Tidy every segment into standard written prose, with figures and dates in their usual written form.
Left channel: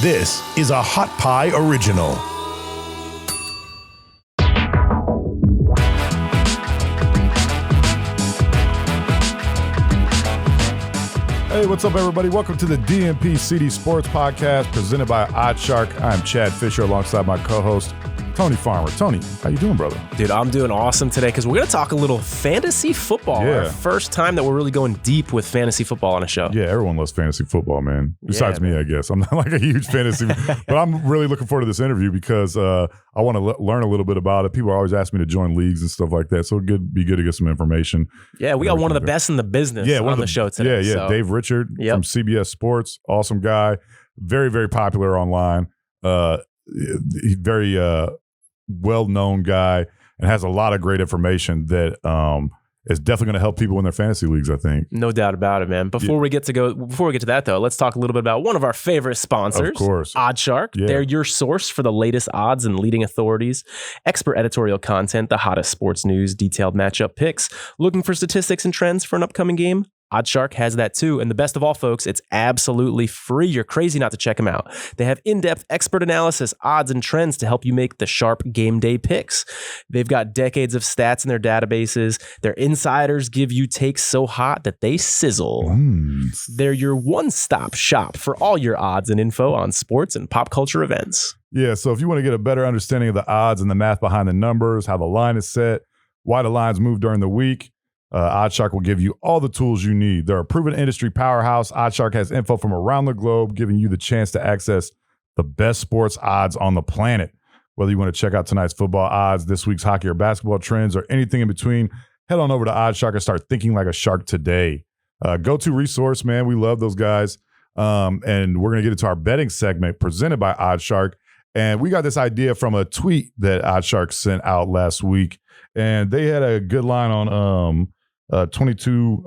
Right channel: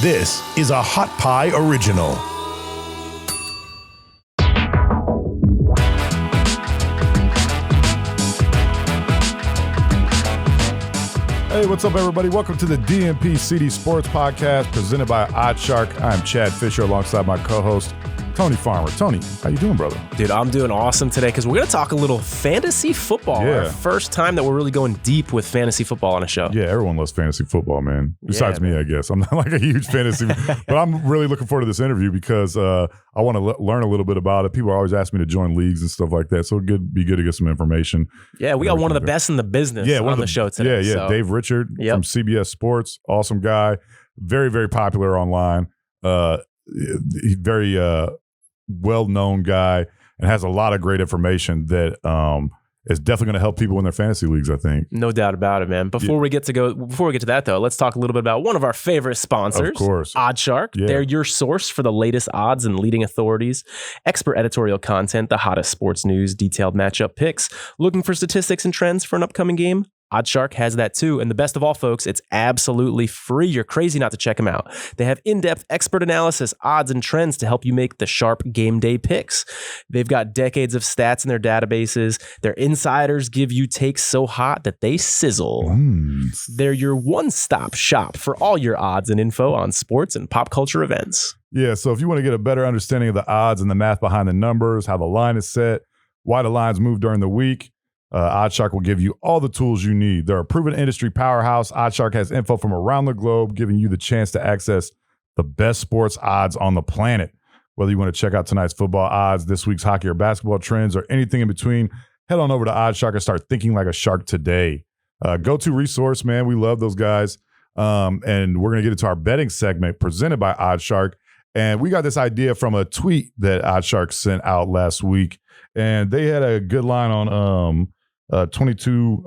This is a Hot Pie Original. Hey, what's up, everybody? Welcome to the DNP-CD Sports Podcast presented by OddsShark. I'm Chad Fisher alongside my co-host, Tony Farmer. Tony, how you doing, brother? Dude, I'm doing awesome today because we're going to talk a little fantasy football. Yeah. Our first time that we're really going deep with fantasy football on a show. Yeah, everyone loves fantasy football, man. Besides me, I guess. I'm not like a huge fantasy, but I'm really looking forward to this interview because I want to learn a little bit about it. People are always asking me to join leagues and stuff like that, so it'd be good to get some information. Yeah, we got one of the best in the business on the show today. Yeah, so. Dave Richard from CBS Sports. Awesome guy. Very, very popular online. He's very well-known guy and has a lot of great information that is definitely going to help people in their fantasy leagues, I think. No doubt about it, man. Before we get to that, though, let's talk a little bit about one of our favorite sponsors, of course, OddsShark. Yeah. They're your source for the latest odds and leading authorities, expert editorial content, the hottest sports news, detailed matchup picks. Looking for statistics and trends for an upcoming game? OddsShark has that too. And the best of all, folks, it's absolutely free. You're crazy not to check them out. They have in-depth expert analysis, odds, and trends to help you make the sharp game day picks. They've got decades of stats in their databases. Their insiders give you takes so hot that they sizzle. They're your one-stop shop for all your odds and info on sports and pop culture events. Yeah, so if you want to get a better understanding of the odds and the math behind the numbers, how the line is set, why the lines move during the week, OddsShark will give you all the tools you need. They're a proven industry powerhouse. OddsShark has info from around the globe, giving you the chance to access the best sports odds on the planet. Whether you want to check out tonight's football odds, this week's hockey or basketball trends, or anything in between, head on over to OddsShark and start thinking like a shark today. Go-to resource, man. We love those guys. And we're going to get into our betting segment presented by OddsShark. And we got this idea from a tweet that OddsShark sent out last week. And they had a good line on 2022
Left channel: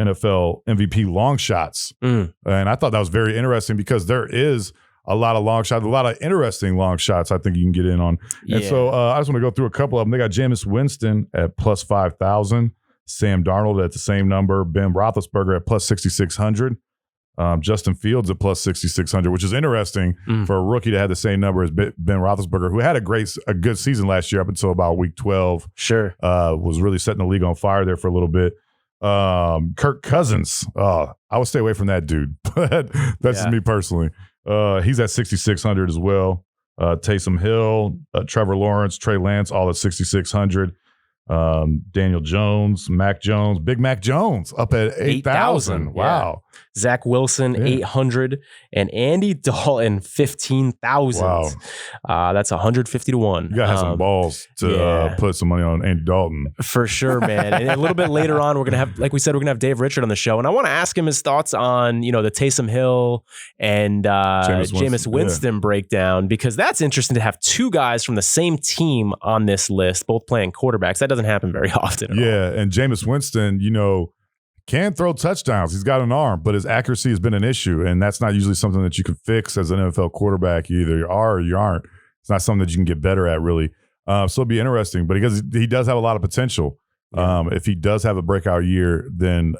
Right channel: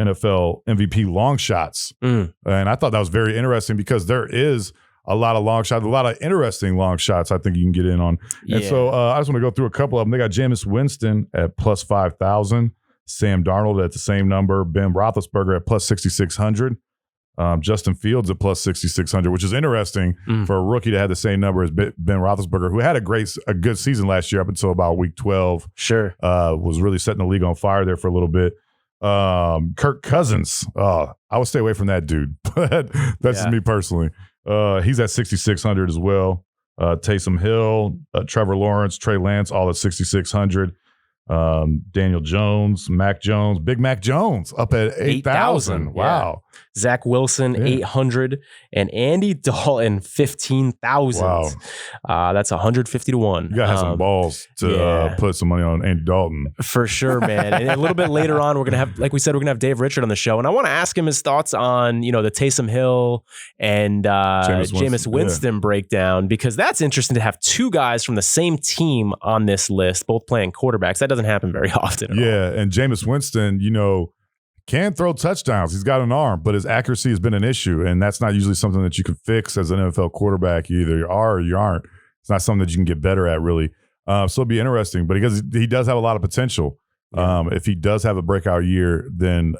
NFL MVP long shots. And I thought that was very interesting because there is a lot of long shots, a lot of interesting long shots I think you can get in on. Yeah. And so I just want to go through a couple of them. They got Jameis Winston at plus 5,000, Sam Darnold at the same number, Ben Roethlisberger at plus 6,600. Justin Fields at plus 6,600, which is interesting for a rookie to have the same number as Ben Roethlisberger, who had a good season last year up until about week 12. Sure. Was really setting the league on fire there for a little bit. Kirk Cousins. I would stay away from that dude. That's just me personally. He's at 6,600 as well. Taysom Hill, Trevor Lawrence, Trey Lance, all at 6,600. Daniel Jones, Big Mac Jones up at 8,000. Wow. Zach Wilson, 800, and Andy Dalton, 15,000. Wow. That's 150 to 1. You gotta have some balls to put some money on Andy Dalton. For sure, man. And a little bit later on, we're gonna have, like we said, we're gonna have Dave Richard on the show, and I want to ask him his thoughts on the Taysom Hill and Jameis Winston breakdown, because that's interesting to have two guys from the same team on this list, both playing quarterbacks. That doesn't happen very often. And Jameis Winston, can throw touchdowns. He's got an arm, but his accuracy has been an issue, and that's not usually something that you can fix as an NFL quarterback. You either are or you aren't. It's not something that you can get better at, really. So it'll be interesting, but because he does have a lot of potential. If he does have a breakout year, then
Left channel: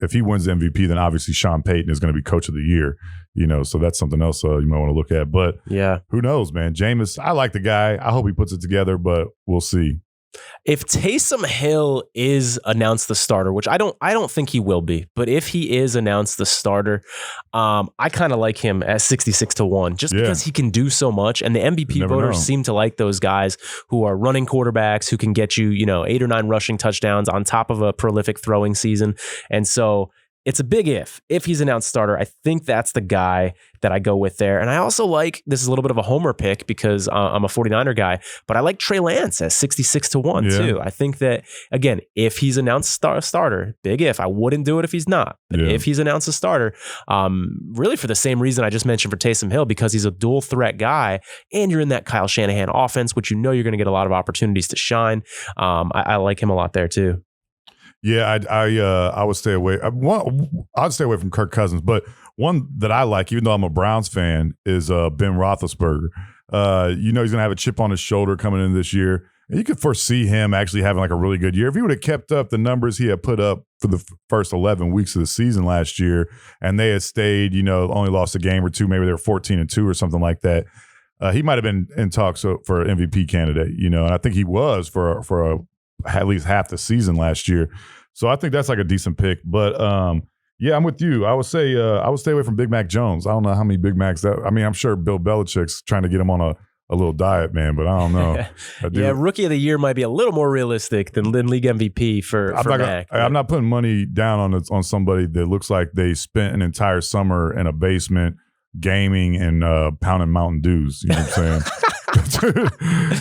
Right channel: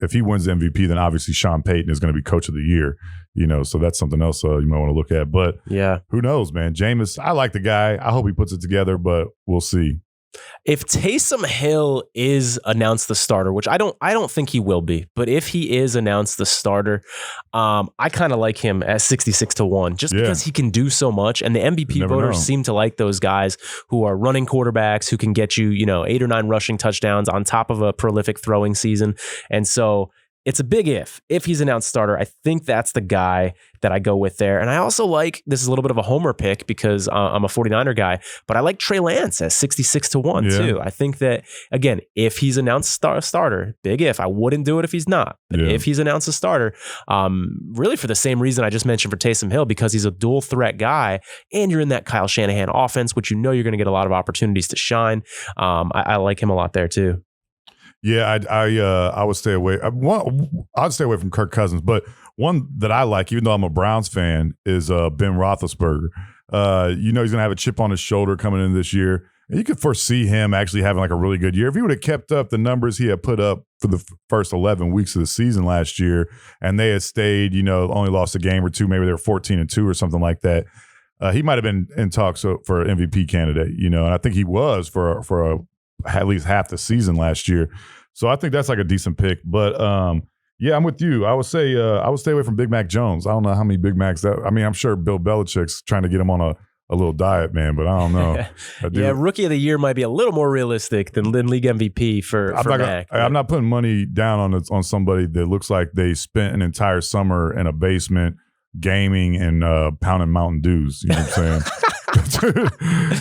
if he wins the MVP, then obviously Sean Payton is going to be coach of the year. So that's something else you might want to look at. But who knows, man? Jameis, I like the guy. I hope he puts it together, but we'll see. If Taysom Hill is announced the starter, which I don't think he will be, but if he is announced the starter, I kind of like him at 66 to 1, just because he can do so much. And the MVP voters seem to like those guys who are running quarterbacks who can get you, 8 or 9 rushing touchdowns on top of a prolific throwing season. And so it's a big if he's announced starter. I think that's the guy that I go with there. And I also like, this is a little bit of a homer pick because I'm a 49er guy, but I like Trey Lance at 66 to 1 too. I think that, again, if he's announced starter, big if. I wouldn't do it if he's not. But if he's announced a starter, really for the same reason I just mentioned for Taysom Hill, because he's a dual threat guy and you're in that Kyle Shanahan offense, which you're going to get a lot of opportunities to shine. I like him a lot there too. Yeah, I would stay away. I'd stay away from Kirk Cousins, but one that I like, even though I'm a Browns fan, is Ben Roethlisberger. He's going to have a chip on his shoulder coming in this year. You could foresee him actually having like a really good year. If he would have kept up the numbers he had put up for the first 11 weeks of the season last year, and they had stayed, only lost a game or two, maybe they were 14-2 or something like that, he might have been in talks for an MVP candidate, and I think he was for at least half the season last year. So I think that's like a decent pick. But yeah, I'm with you. I would say I would stay away from Big Mac Jones. I don't know how many Big Macs I'm sure Bill Belichick's trying to get him on a little diet, man, but I don't know. Yeah, rookie of the year might be a little more realistic than league MVP for Mac. I'm not putting money down on somebody that looks like they spent an entire summer in a basement gaming and pounding Mountain Dews. You know what I'm saying?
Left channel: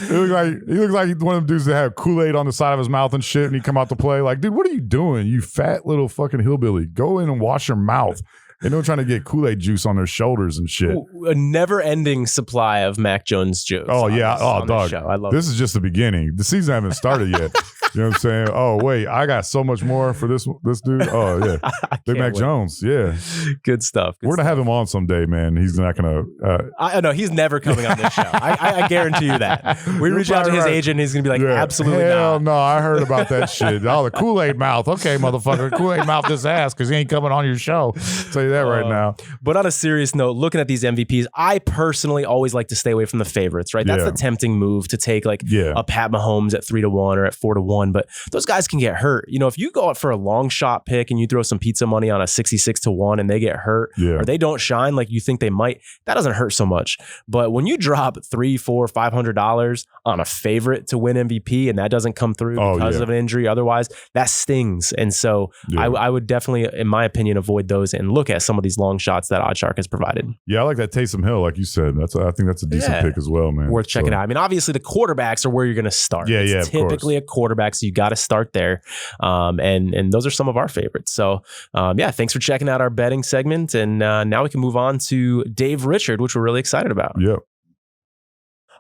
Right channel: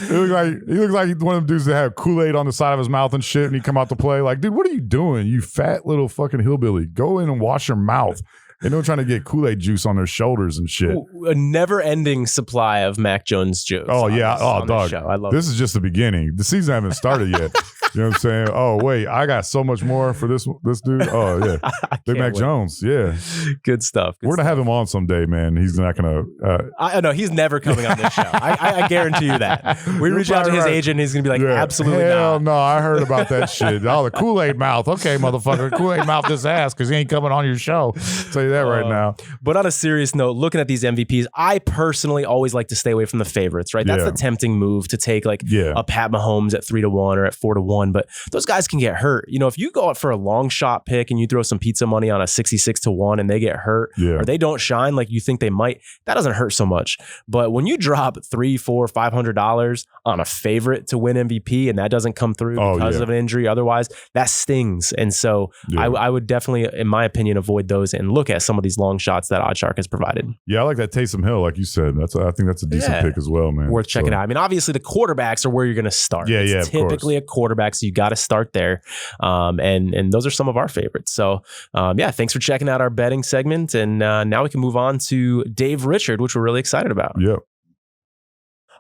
he looks like one of them dudes that have Kool-Aid on the side of his mouth and shit, and he come out to play. Like, dude, what are you doing? You fat little fucking hillbilly. Go in and wash your mouth. And they're trying to get Kool-Aid juice on their shoulders and shit. A never-ending supply of Mac Jones jokes. Oh, yeah. Dog. I love this is just the beginning. The season hasn't started yet. You know what I'm saying? Oh, wait. I got so much more for this dude. Oh, yeah. Big Mac Jones. Yeah. Good stuff. We're going to have him on someday, man. He's not going to. I know. He's never coming on this show. I guarantee you that. We reach out to his agent. He's going to be like, absolutely Hell not. No, I heard about that shit. Oh, the Kool-Aid mouth. Okay, motherfucker. Kool-Aid mouth this ass because he ain't coming on your show. I'll tell you that right now. But on a serious note, looking at these MVPs, I personally always like to stay away from the favorites, right? That's the tempting move to take a Pat Mahomes at 3-1 or at 4-1, but those guys can get hurt. If you go out for a long shot pick and you throw some pizza money on a 66-1 and they get hurt or they don't shine like you think they might, that doesn't hurt so much. But when you drop $300, $400, $500 on a favorite to win MVP and that doesn't come through because of an injury, otherwise that stings. And so I would definitely, in my opinion, avoid those and look at some of these long shots that OddsShark has provided. Yeah, I like that Taysom Hill, like you said. I think that's a decent pick as well, man. Worth checking out. I mean, obviously the quarterbacks are where you're going to start. It's typically a quarterback, so you got to start there. And those are some of our favorites. So thanks for checking out our betting segment. And now we can move on to Dave Richard, which we're really excited about. Yep.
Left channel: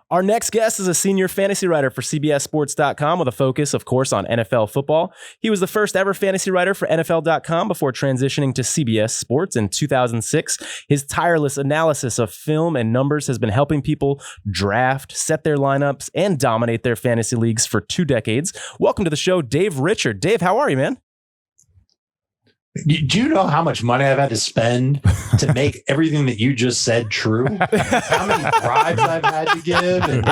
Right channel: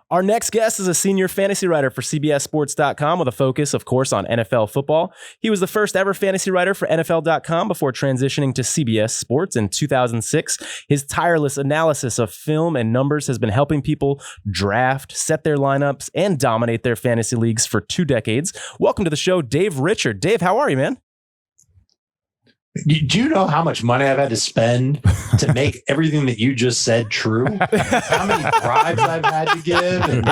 Our next guest is a senior fantasy writer for CBSSports.com with a focus, of course, on NFL football. He was the first ever fantasy writer for NFL.com before transitioning to CBS Sports in 2006. His tireless analysis of film and numbers has been helping people draft, set their lineups, and dominate their fantasy leagues for 2 decades. Welcome to the show, Dave Richard. Dave, how are you, man? Do you know how much money I've had to spend to make everything that you just said true? How many bribes I've had to give? And,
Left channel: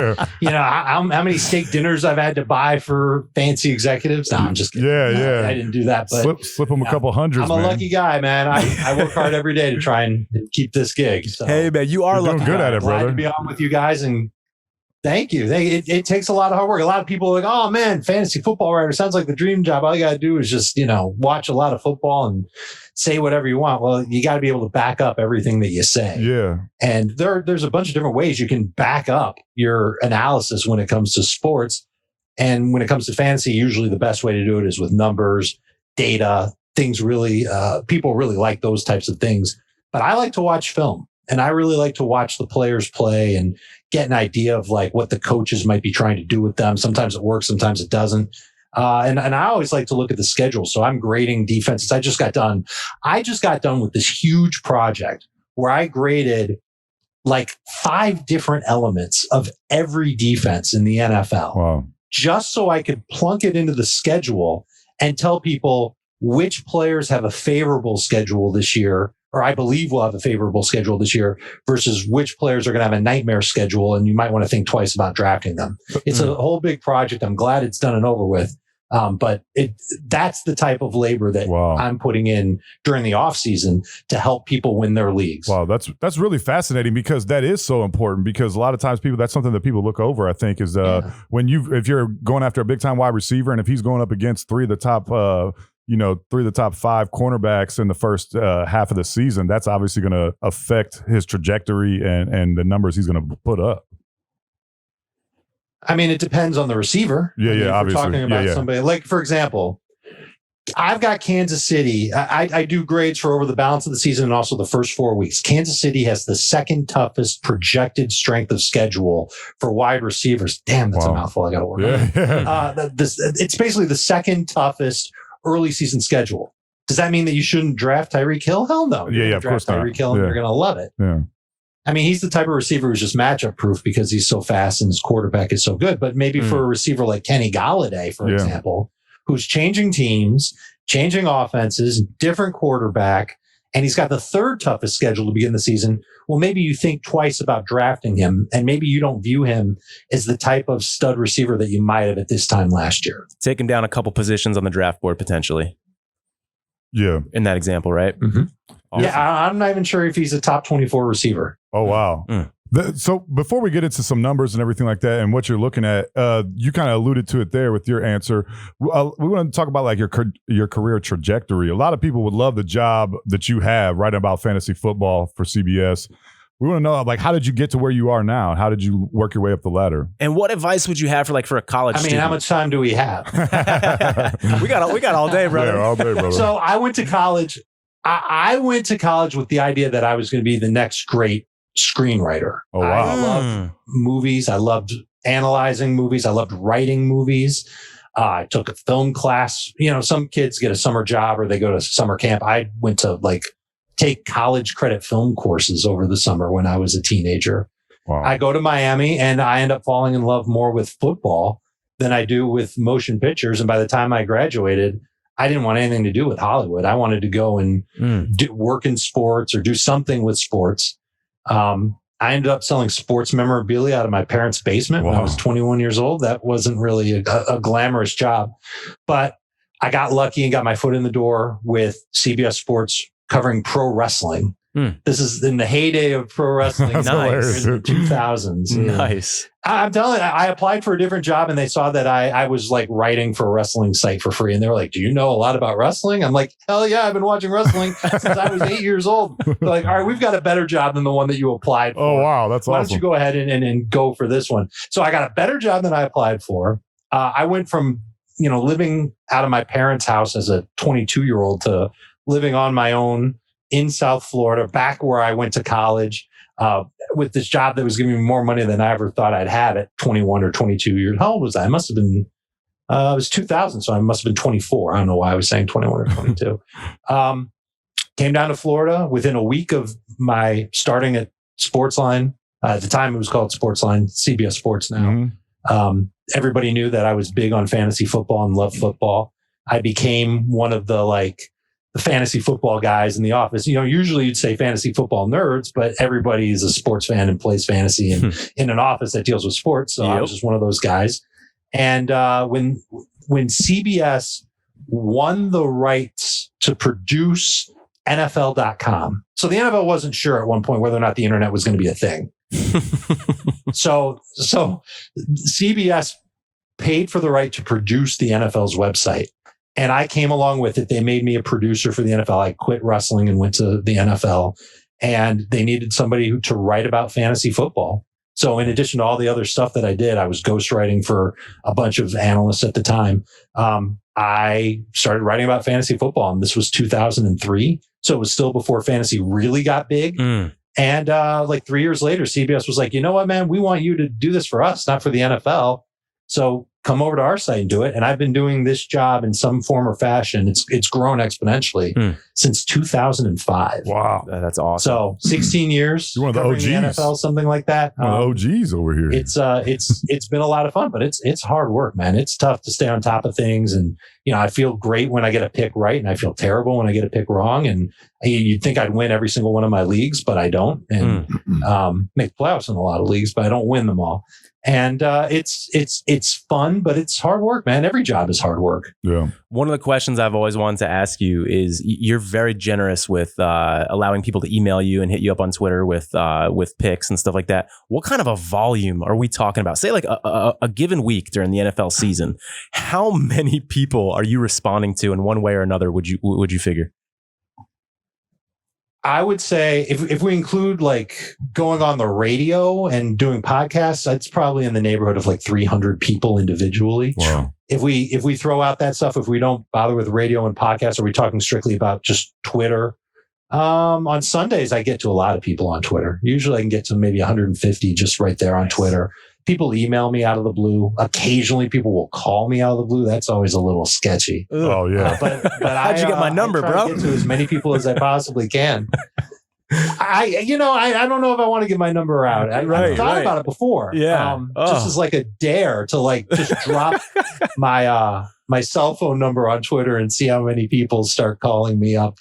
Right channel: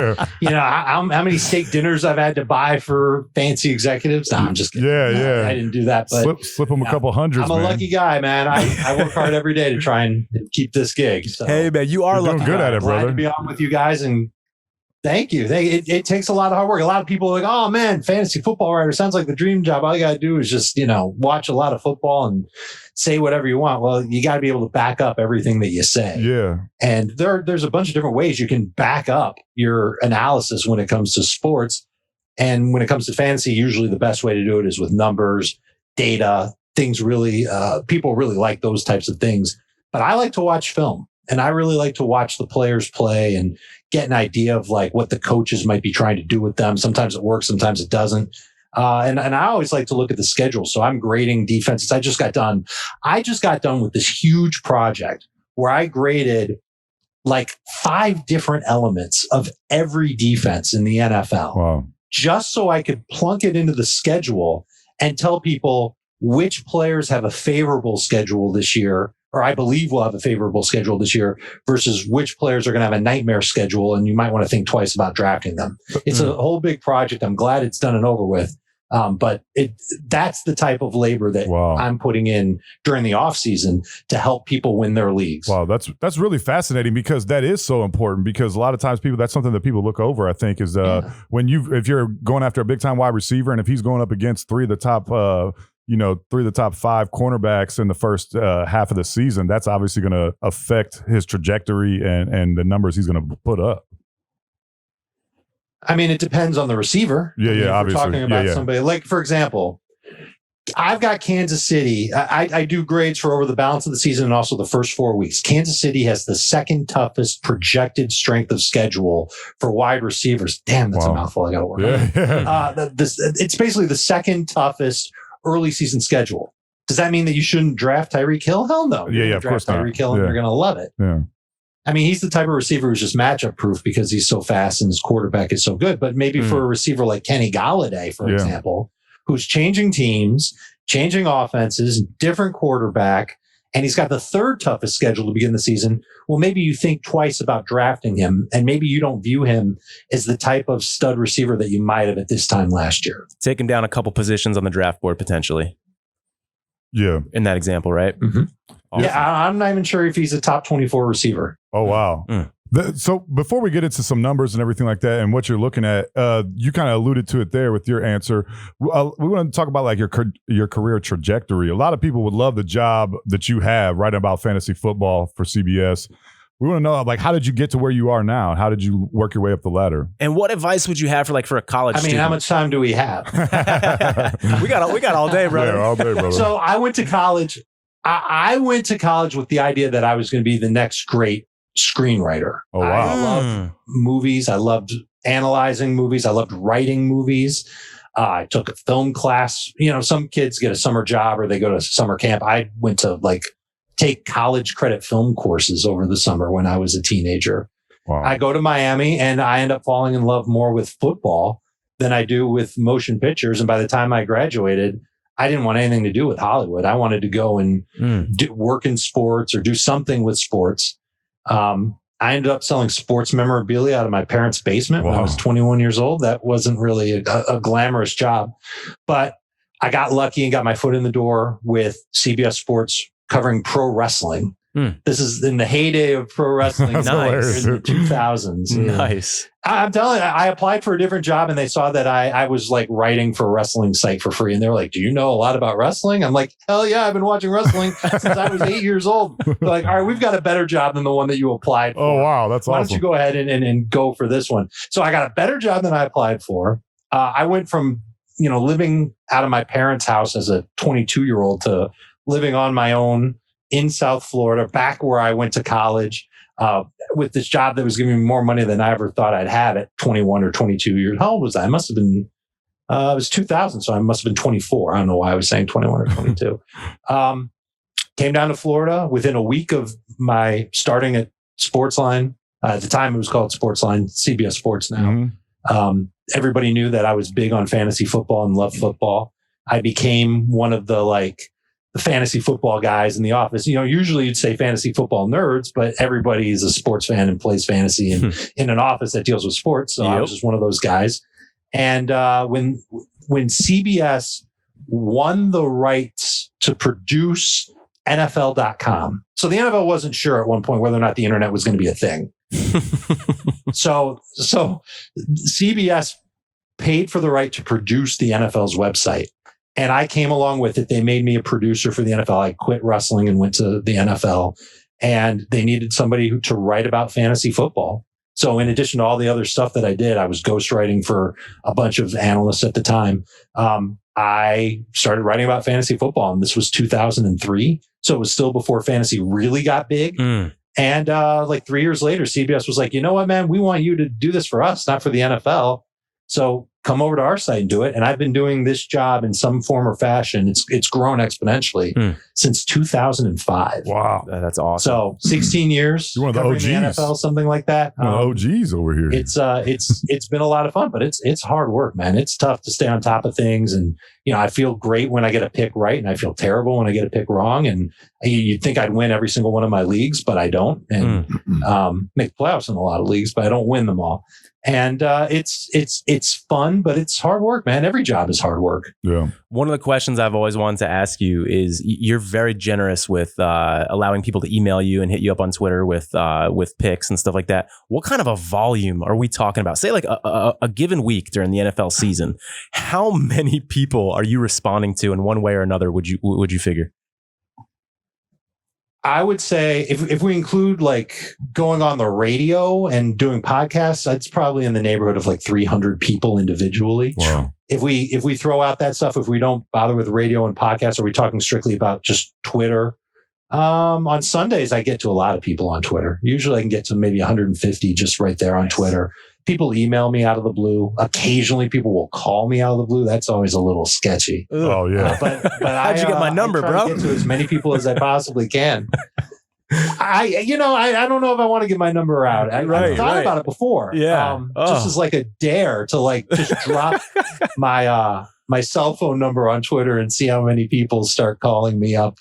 how many steak dinners I've had to buy for fancy executives? No, I'm just kidding. I didn't do that. But slip them a couple hundreds, I'm a man. lucky guy, man. I work hard every day to try and keep this gig. So hey, man, you're doing good at it, brother. Glad to be on with you guys, and thank you. It takes a lot of hard work. A lot of people are like, oh man, fantasy football writer sounds like the dream job. All you got to do is just, watch a lot of football and say whatever you want. Well, you got to be able to back up everything that you say. Yeah. And there's a bunch of different ways you can back up your analysis when it comes to sports. And when it comes to fantasy, usually the best way to do it is with numbers, data, things really, people really like those types of things. But I like to watch film. And I really like to watch the players play and get an idea of like what the coaches might be trying to do with them. Sometimes it works, sometimes it doesn't. And I always like to look at the schedule. So I'm grading defenses. I just got done with this huge project where I graded like 5 different elements of every defense in the NFL. Wow. Just so I could plunk it into the schedule and tell people which players have a favorable schedule this year, or I believe will have a favorable schedule this year, versus which players are going to have a nightmare schedule, and you might want to think twice about drafting them. It's a whole big project. I'm glad it's done and over with. But that's the type of labor that I'm putting in during the off season to help people win their leagues. Wow, that's really fascinating, because that is so important, because a lot of times that's something that people look over, I think, is if you're going after a big time wide receiver, and if he's going up against 3 of the top 5 cornerbacks in the first half of the season, that's obviously going to affect his trajectory and the numbers he's going to put up. I mean, it depends on the receiver. Obviously. We're talking about somebody like, for example, I've got Kansas City. I do grades for over the balance of the season and also the first 4 weeks. Kansas City has the second toughest projected strength of schedule for wide receivers. Damn, that's a mouthful. I got to work on. It's basically the second toughest early season schedule. Does that mean that you shouldn't draft Tyreek Hill? Hell no. Of course not. Tyreek Hill, and you're going to love it. Yeah. I mean, he's the type of receiver who's just matchup proof because he's so fast and his quarterback is so good. But maybe for a receiver like Kenny Golladay, for example, who's changing teams, changing offenses, different quarterback, and he's got the third toughest schedule to begin the season. Well, maybe you think twice about drafting him, and maybe you don't view him as the type of stud receiver that you might have at this time last year. Take him down a couple positions on the draft board potentially. Yeah. In that example, right? Mm-hmm. Awesome. Yeah, I'm not even sure if he's a top 24 receiver. Oh, wow. So before we get into some numbers and everything like that and what you're looking at, you kind of alluded to it there with your answer. We want to talk about like your career trajectory. A lot of people would love the job that you have writing about fantasy football for CBS. We want to know, like, how did you get to where you are now? How did you work your way up the ladder? And what advice would you have for a college student? How much time do we have? we got all day, brother. Yeah, all day, brother. So I went to college. I went to college with the idea that I was going to be the next great screenwriter. Oh, wow. I loved movies. I loved analyzing movies. I loved writing movies. I took a film class. You know, some kids get a summer job or they go to summer camp. I went to take college credit film courses over the summer when I was a teenager. Wow. I go to Miami and I end up falling in love more with football than I do with motion pictures. And by the time I graduated, I didn't want anything to do with Hollywood. I wanted to go and work in sports or do something with sports. I ended up selling sports memorabilia out of my parents' basement when I was 21 years old. That wasn't really a glamorous job, but I got lucky and got my foot in the door with CBS Sports covering pro wrestling. This is in the heyday of pro wrestling. Nice. In the 2000s. Nice. I'm telling you, I applied for a different job and they saw that I was writing for a wrestling site for free. And they were like, do you know a lot about wrestling? I'm like, hell yeah, I've been watching wrestling since I was 8 years old. They're like, all right, we've got a better job than the one that you applied for. Oh, wow. That's Why awesome. don't you go ahead and go for this one? So I got a better job than I applied for. I went from, living out of my parents' house as a 22-year-old to living on my own in South Florida, back where I went to college, with this job that was giving me more money than I ever thought I'd have at 21 or 22 years. How old was I? I must have been, it was 2000, so I must have been 24. I don't know why I was saying 21 or 22. Came down to Florida within a week of my starting at Sportsline. At the time, it was called Sportsline, CBS Sports now. Everybody knew that I was big on fantasy football and loved football. I became one of the fantasy football guys in the office. Usually you'd say fantasy football nerds, but everybody is a sports fan and plays fantasy in an office that deals with sports. So I was just one of those guys. And when CBS won the rights to produce NFL.com, so the NFL wasn't sure at one point whether or not the internet was going to be a thing. So CBS paid for the right to produce the NFL's website. And I came along with it. They made me a producer for the NFL. I quit wrestling and went to the NFL, and they needed somebody to write about fantasy football. So in addition to all the other stuff that I did, I was ghostwriting for a bunch of analysts at the time. I started writing about fantasy football, and this was 2003. So it was still before fantasy really got big. And 3 years later, CBS was like, you know what, man, we want you to do this for us, not for the NFL. So come over to our site and do it. And I've been doing this job in some form or fashion. It's grown exponentially since 2005. Wow. That's awesome. So 16 years. You're one of the OGs. The NFL, something like that. One of the OGs over here. It's been a lot of fun, but it's hard work, man. It's tough to stay on top of things. And, I feel great when I get a pick right, and I feel terrible when I get a pick wrong. And you'd think I'd win every single one of my leagues, but I don't. And make playoffs in a lot of leagues, but I don't win them all. And it's fun, but it's hard work, man. Every job is hard work. Yeah. One of the questions I've always wanted to ask you is, you're very generous with allowing people to email you and hit you up on Twitter with picks and stuff like that. What kind of a volume are we talking about? Say a given week during the NFL season, how many people are you responding to in one way or another? Would you figure? I would say if we include going on the radio and doing podcasts, it's probably in the neighborhood of 300 people individually. Wow. If we throw out that stuff, if we don't bother with radio and podcasts, are we talking strictly about just Twitter? On Sundays, I get to a lot of people on Twitter. Usually I can get to maybe 150 just right there on Twitter. People email me out of the blue. Occasionally people will call me out of the blue. That's always a little sketchy. Oh, yeah. But How'd you get my number, I try bro? to get to as many people as I possibly can. I don't know if I want to give my number out. I thought about it before. Yeah. Just as like a dare to like just drop my cell phone number on Twitter and see how many people start calling me up.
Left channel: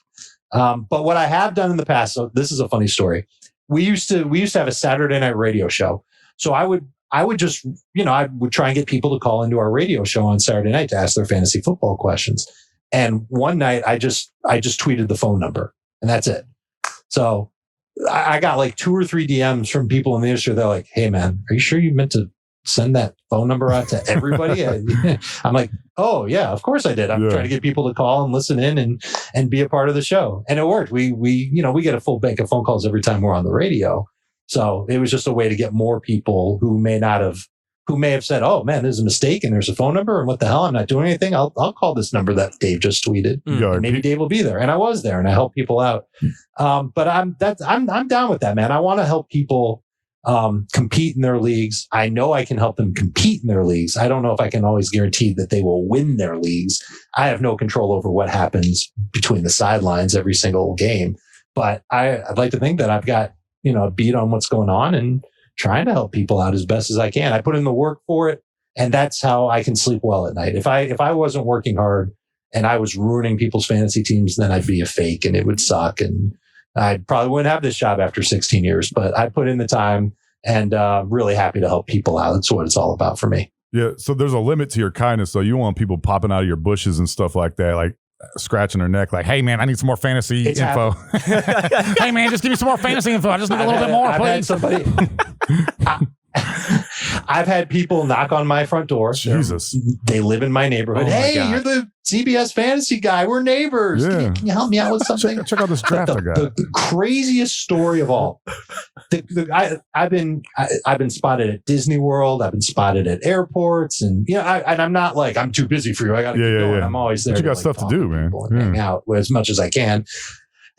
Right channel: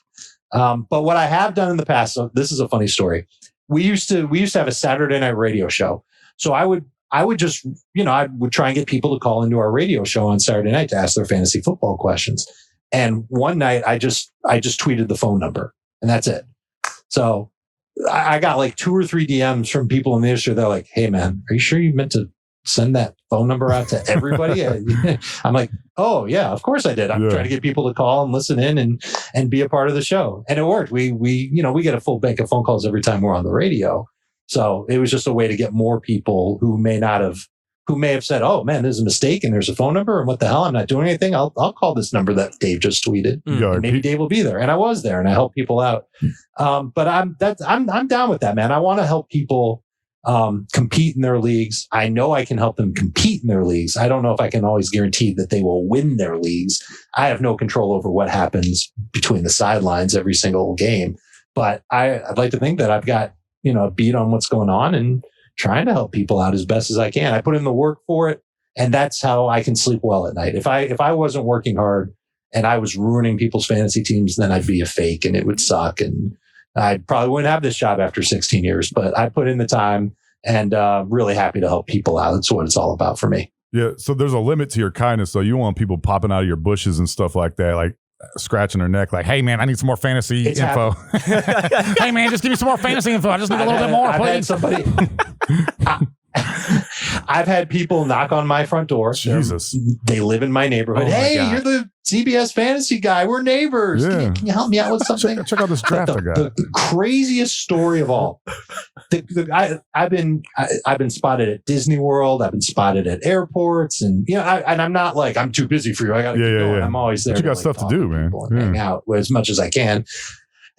But what I have done in the past, so this is a funny story. We used to have a Saturday night radio show. So I would just, I would try and get people to call into our radio show on Saturday night to ask their fantasy football questions. And one night I just tweeted the phone number, and that's it. So I got like 2 or 3 DMs from people in the industry. They're like, "Hey man, are you sure you meant to send that phone number out to everybody?" I'm like, "Oh yeah, of course I did. I'm trying to get people to call and listen in and be a part of the show." And it worked. We get a full bank of phone calls every time we're on the radio. So it was just a way to get more people who may have said, "Oh man, there's a mistake and there's a phone number, and what the hell? I'm not doing anything. I'll call this number that Dave just tweeted. And maybe Dave will be there." And I was there, and I helped people out. But I'm down with that, man. I want to help people compete in their leagues. I know I can help them compete in their leagues. I don't know if I can always guarantee that they will win their leagues. I have no control over what happens between the sidelines every single game. But I'd like to think that I've got a beat on what's going on and trying to help people out as best as I can. I put in the work for it, and that's how I can sleep well at night. If I wasn't working hard and I was ruining people's fantasy teams, then I'd be a fake and it would suck. And I probably wouldn't have this job after 16 years, but I put in the time and really happy to help people out. That's what it's all about for me. Yeah. So there's a limit to your kindness. So you want people popping out of your bushes and stuff like that, like scratching their neck, like, "Hey man, I need some more fantasy info." "Hey man, just give me some more fantasy info. I just need a little bit more, please." I've had people knock on my front door. Jesus. They live in my neighborhood. Oh "Hey, my you're the CBS fantasy guy. We're neighbors. Yeah. Can you help me out with something?" Check out this draft I got. The craziest story of all. I've been spotted at Disney World. I've been spotted at airports, and and I'm not like, I'm too busy for you. I got to keep going. I'm always there. But you got stuff to do, man. Hang out as much as I can.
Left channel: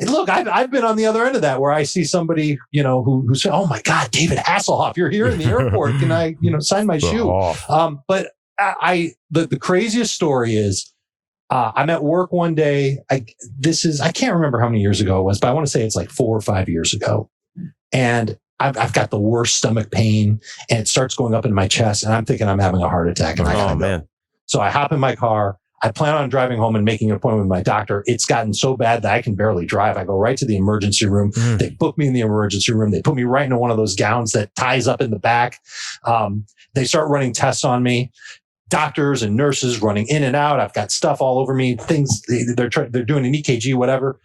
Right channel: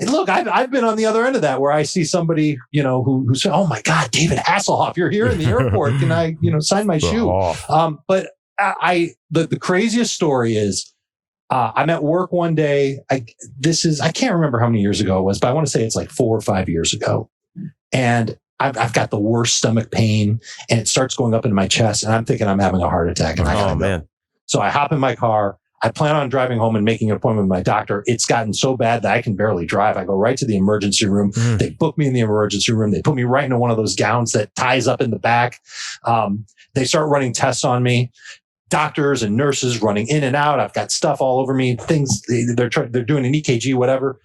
And look, I've been on the other end of that, where I see somebody, who said, "Oh my God, David Hasselhoff, you're here in the airport. Can I, sign my shoe?" But the craziest story is, I'm at work one day. I can't remember how many years ago it was, but I want to say it's like 4 or 5 years ago. And I've got the worst stomach pain, and it starts going up into my chest, and I'm thinking I'm having a heart attack. And man. So I hop in my car. I plan on driving home and making an appointment with my doctor. It's gotten so bad that I can barely drive. I go right to the emergency room. They book me in the emergency room. They put me right into one of those gowns that ties up in the back. They start running tests on me. Doctors and nurses running in and out. I've got stuff all over me. Things they're doing an EKG, whatever.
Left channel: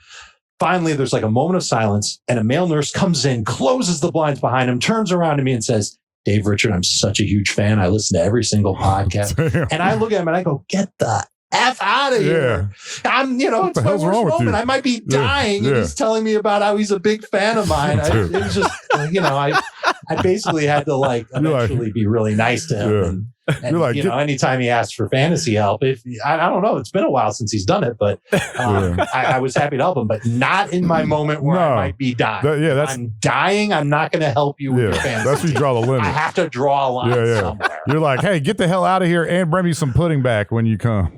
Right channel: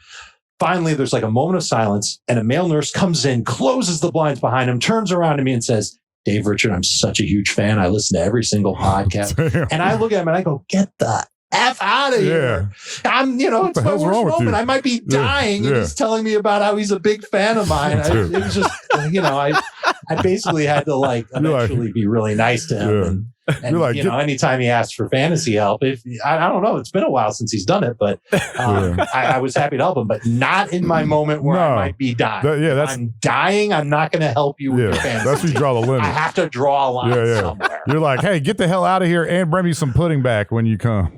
Finally, there's like a moment of silence, and a male nurse comes in, closes the blinds behind him, turns around to me and says, "Dave Richard, I'm such a huge fan. I listen to every single podcast." And I look at him and I go, "Get the F out of here." I'm, it's my worst moment. I might be dying. And he's telling me about how he's a big fan of mine. It was just, I basically had to eventually be really nice to him. And anytime he asked for fantasy help, I don't know, it's been a while since he's done it, but I was happy to help him, but not in my moment where I might be dying. I'm dying. I'm not going to help you with your fantasy. That's where you draw the limit. I have to draw a line somewhere. You're like, "Hey, get the hell out of here and bring me some pudding back when you come."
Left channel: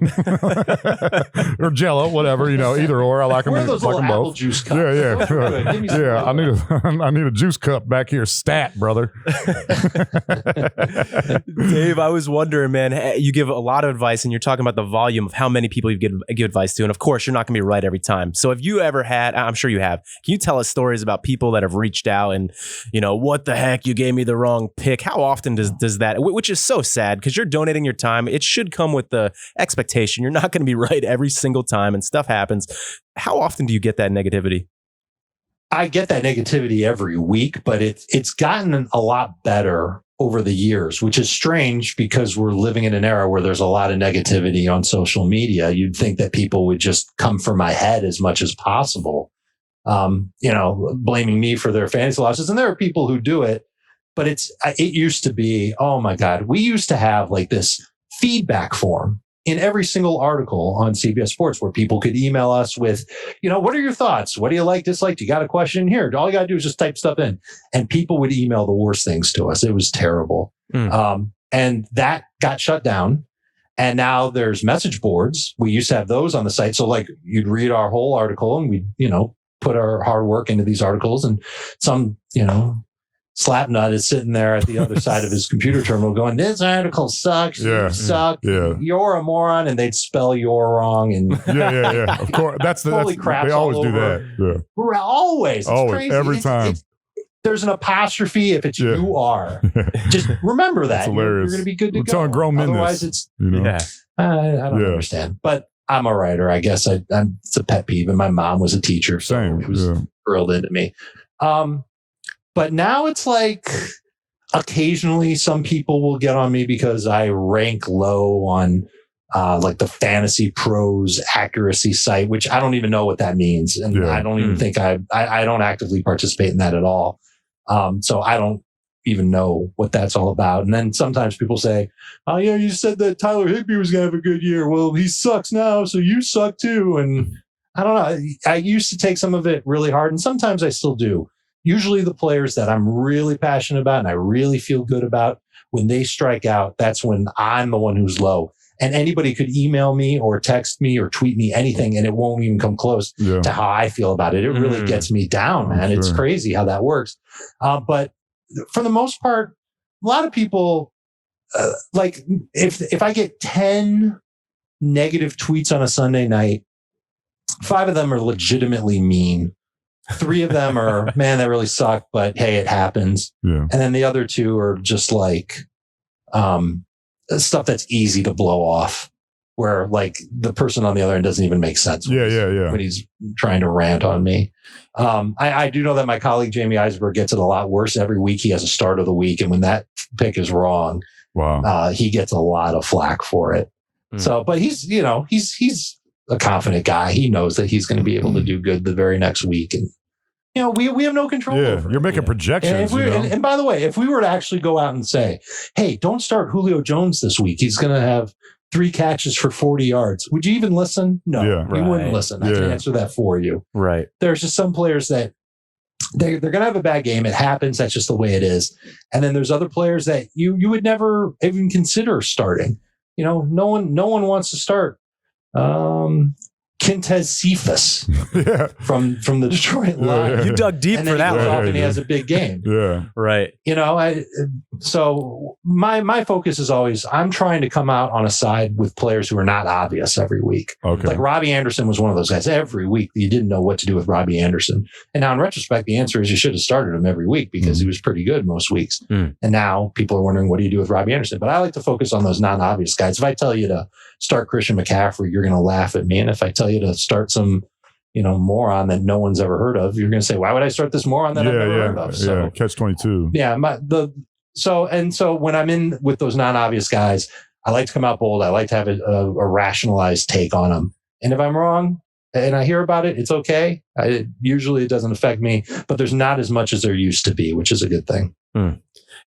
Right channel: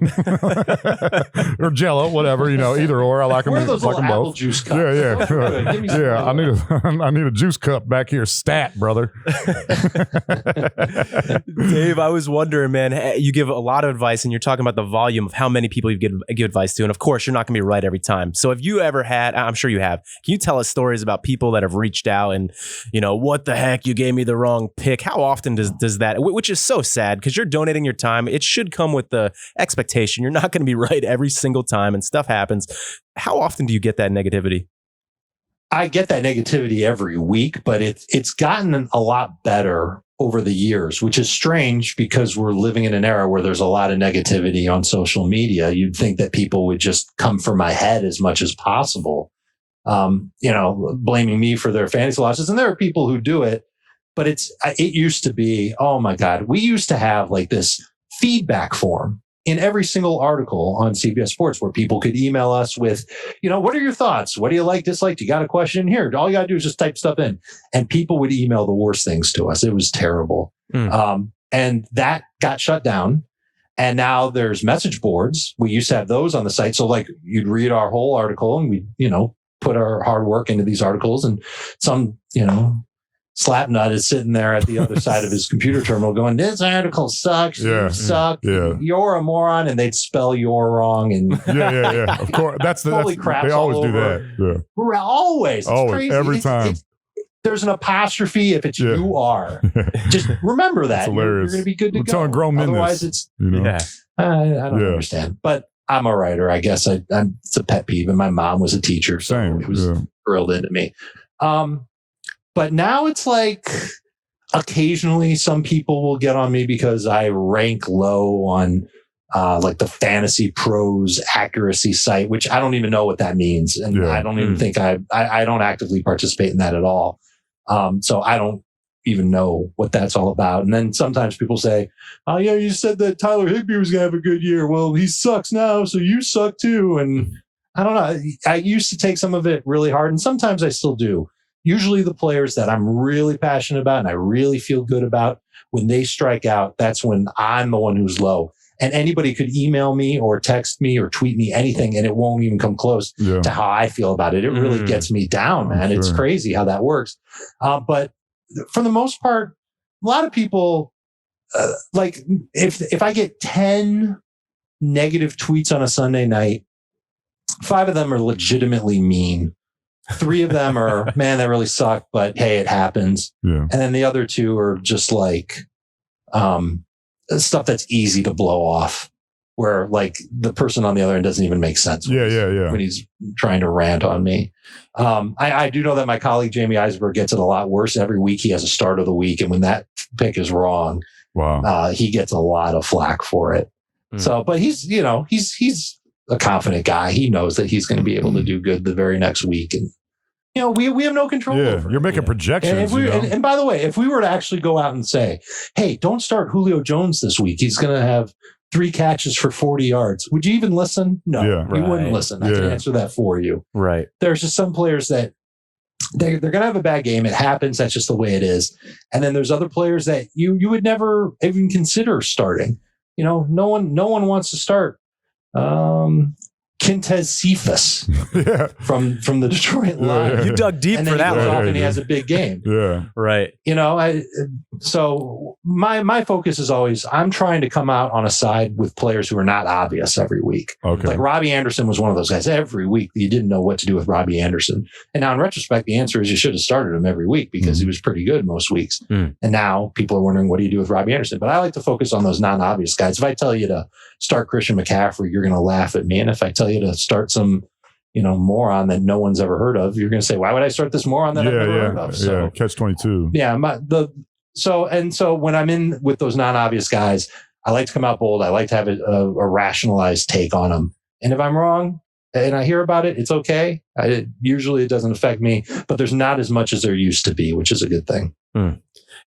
Or Jello, whatever, either or. I like them both. Juice cups. Yeah. I need a juice cup back here, stat, brother. Dave, I was wondering, man, you give a lot of advice, and you're talking about the volume of how many people you give advice to. And of course, you're not going to be right every time. So if you ever had, I'm sure you have, can you tell us stories about people that have reached out and, "What the heck, you gave me the wrong pick"? How often does that, which is so sad because you're donating your time. It should come with the expectation. You're not going to be right every single time, and stuff happens. How often do you get that negativity? I get that negativity every week, but it's gotten a lot better over the years, which is strange because we're living in an era where there's a lot of negativity on social media. You'd think that people would just come for my head as much as possible, blaming me for their fantasy losses. And there are people who do it, but it used to be, oh my God, we used to have like this feedback form in every single article on CBS Sports where people could email us with, "What are your thoughts? What do you like, dislike? You got a question in here?" All you got to do is just type stuff in. And people would email the worst things to us. It was terrible. And that got shut down. And now there's message boards. We used to have those on the site. So you'd read our whole article and we'd, put our hard work into these articles, and some, slapnut is sitting there at the other side of his computer terminal going, this article sucks. You suck. You're a moron. And they'd spell "you're" wrong. And yeah. Of course. That's they always do that. Yeah. Always. It's crazy. Every time. There's an apostrophe if it's you are. Just remember that. That's hilarious. You're going to be good to We're go. telling grown men Otherwise, this. I don't understand. But I'm a writer. I guess it's a pet peeve. And my mom was a teacher. So it was drilled into me. But now it's like occasionally some people will get on me because I rank low on like the Fantasy Pros accuracy site, which I don't even know what that means. And I don't even think I don't actively participate in that at all. So I don't even know what that's all about. And then sometimes people say, oh yeah, you said that Tyler Higbee was going to have a good year. Well, he sucks now, so you suck too. And I don't know. I used to take some of it really hard, and sometimes I still do. Usually the players that I'm really passionate about and I really feel good about, when they strike out, that's when I'm the one who's low. And anybody could email me or text me or tweet me anything, and it won't even come close to how I feel about it. It really gets me down, man. It's crazy how that works. But for the most part, a lot of people, like if I get 10 negative tweets on a Sunday night, 5 of them are legitimately mean. 3 of them are, man, that really sucked, but hey, it happens. And then the other 2 are just like stuff that's easy to blow off, where like the person on the other end doesn't even make sense when he's trying to rant on me. I do know that my colleague Jamie Eisenberg gets it a lot worse. Every week he has a start of the week, and when that pick is wrong, he gets a lot of flack for it. So, but he's a confident guy. He knows that he's going to be able to do good the very next week. And, we have no control over it. You're making projections. And by the way, if we were to actually go out and say, hey, don't start Julio Jones this week, he's going to have 3 catches for 40 yards. Would you even listen? No, you wouldn't listen. I can answer that for you. Right. There's just some players that they're going to have a bad game. It happens. That's just the way it is. And then there's other players that you would never even consider starting. No one wants to start Quintez Cephas from the Detroit Lions. You dug deep for that one. And he has a big game. Right. So my focus is always, I'm trying to come out on a side with players who are not obvious every week. Okay. Like Robbie Anderson was one of those guys. Every week you didn't know what to do with Robbie Anderson. And now in retrospect, the answer is you should have started him every week because he was pretty good most weeks. And now people are wondering, what do you do with Robbie Anderson? But I like to focus on those non-obvious guys. If I tell you to start Christian McCaffrey, you're going to laugh at me. And if I tell you to start some, moron that no one's ever heard of, you're going to say, why would I start this moron that I've never heard of? So, catch 22. So when I'm in with those non-obvious guys, I like to come out bold. I like to have a rationalized take on them. And if I'm wrong and I hear about it, it's okay. Usually it doesn't affect me, but there's not as much as there used to be, which is a good thing.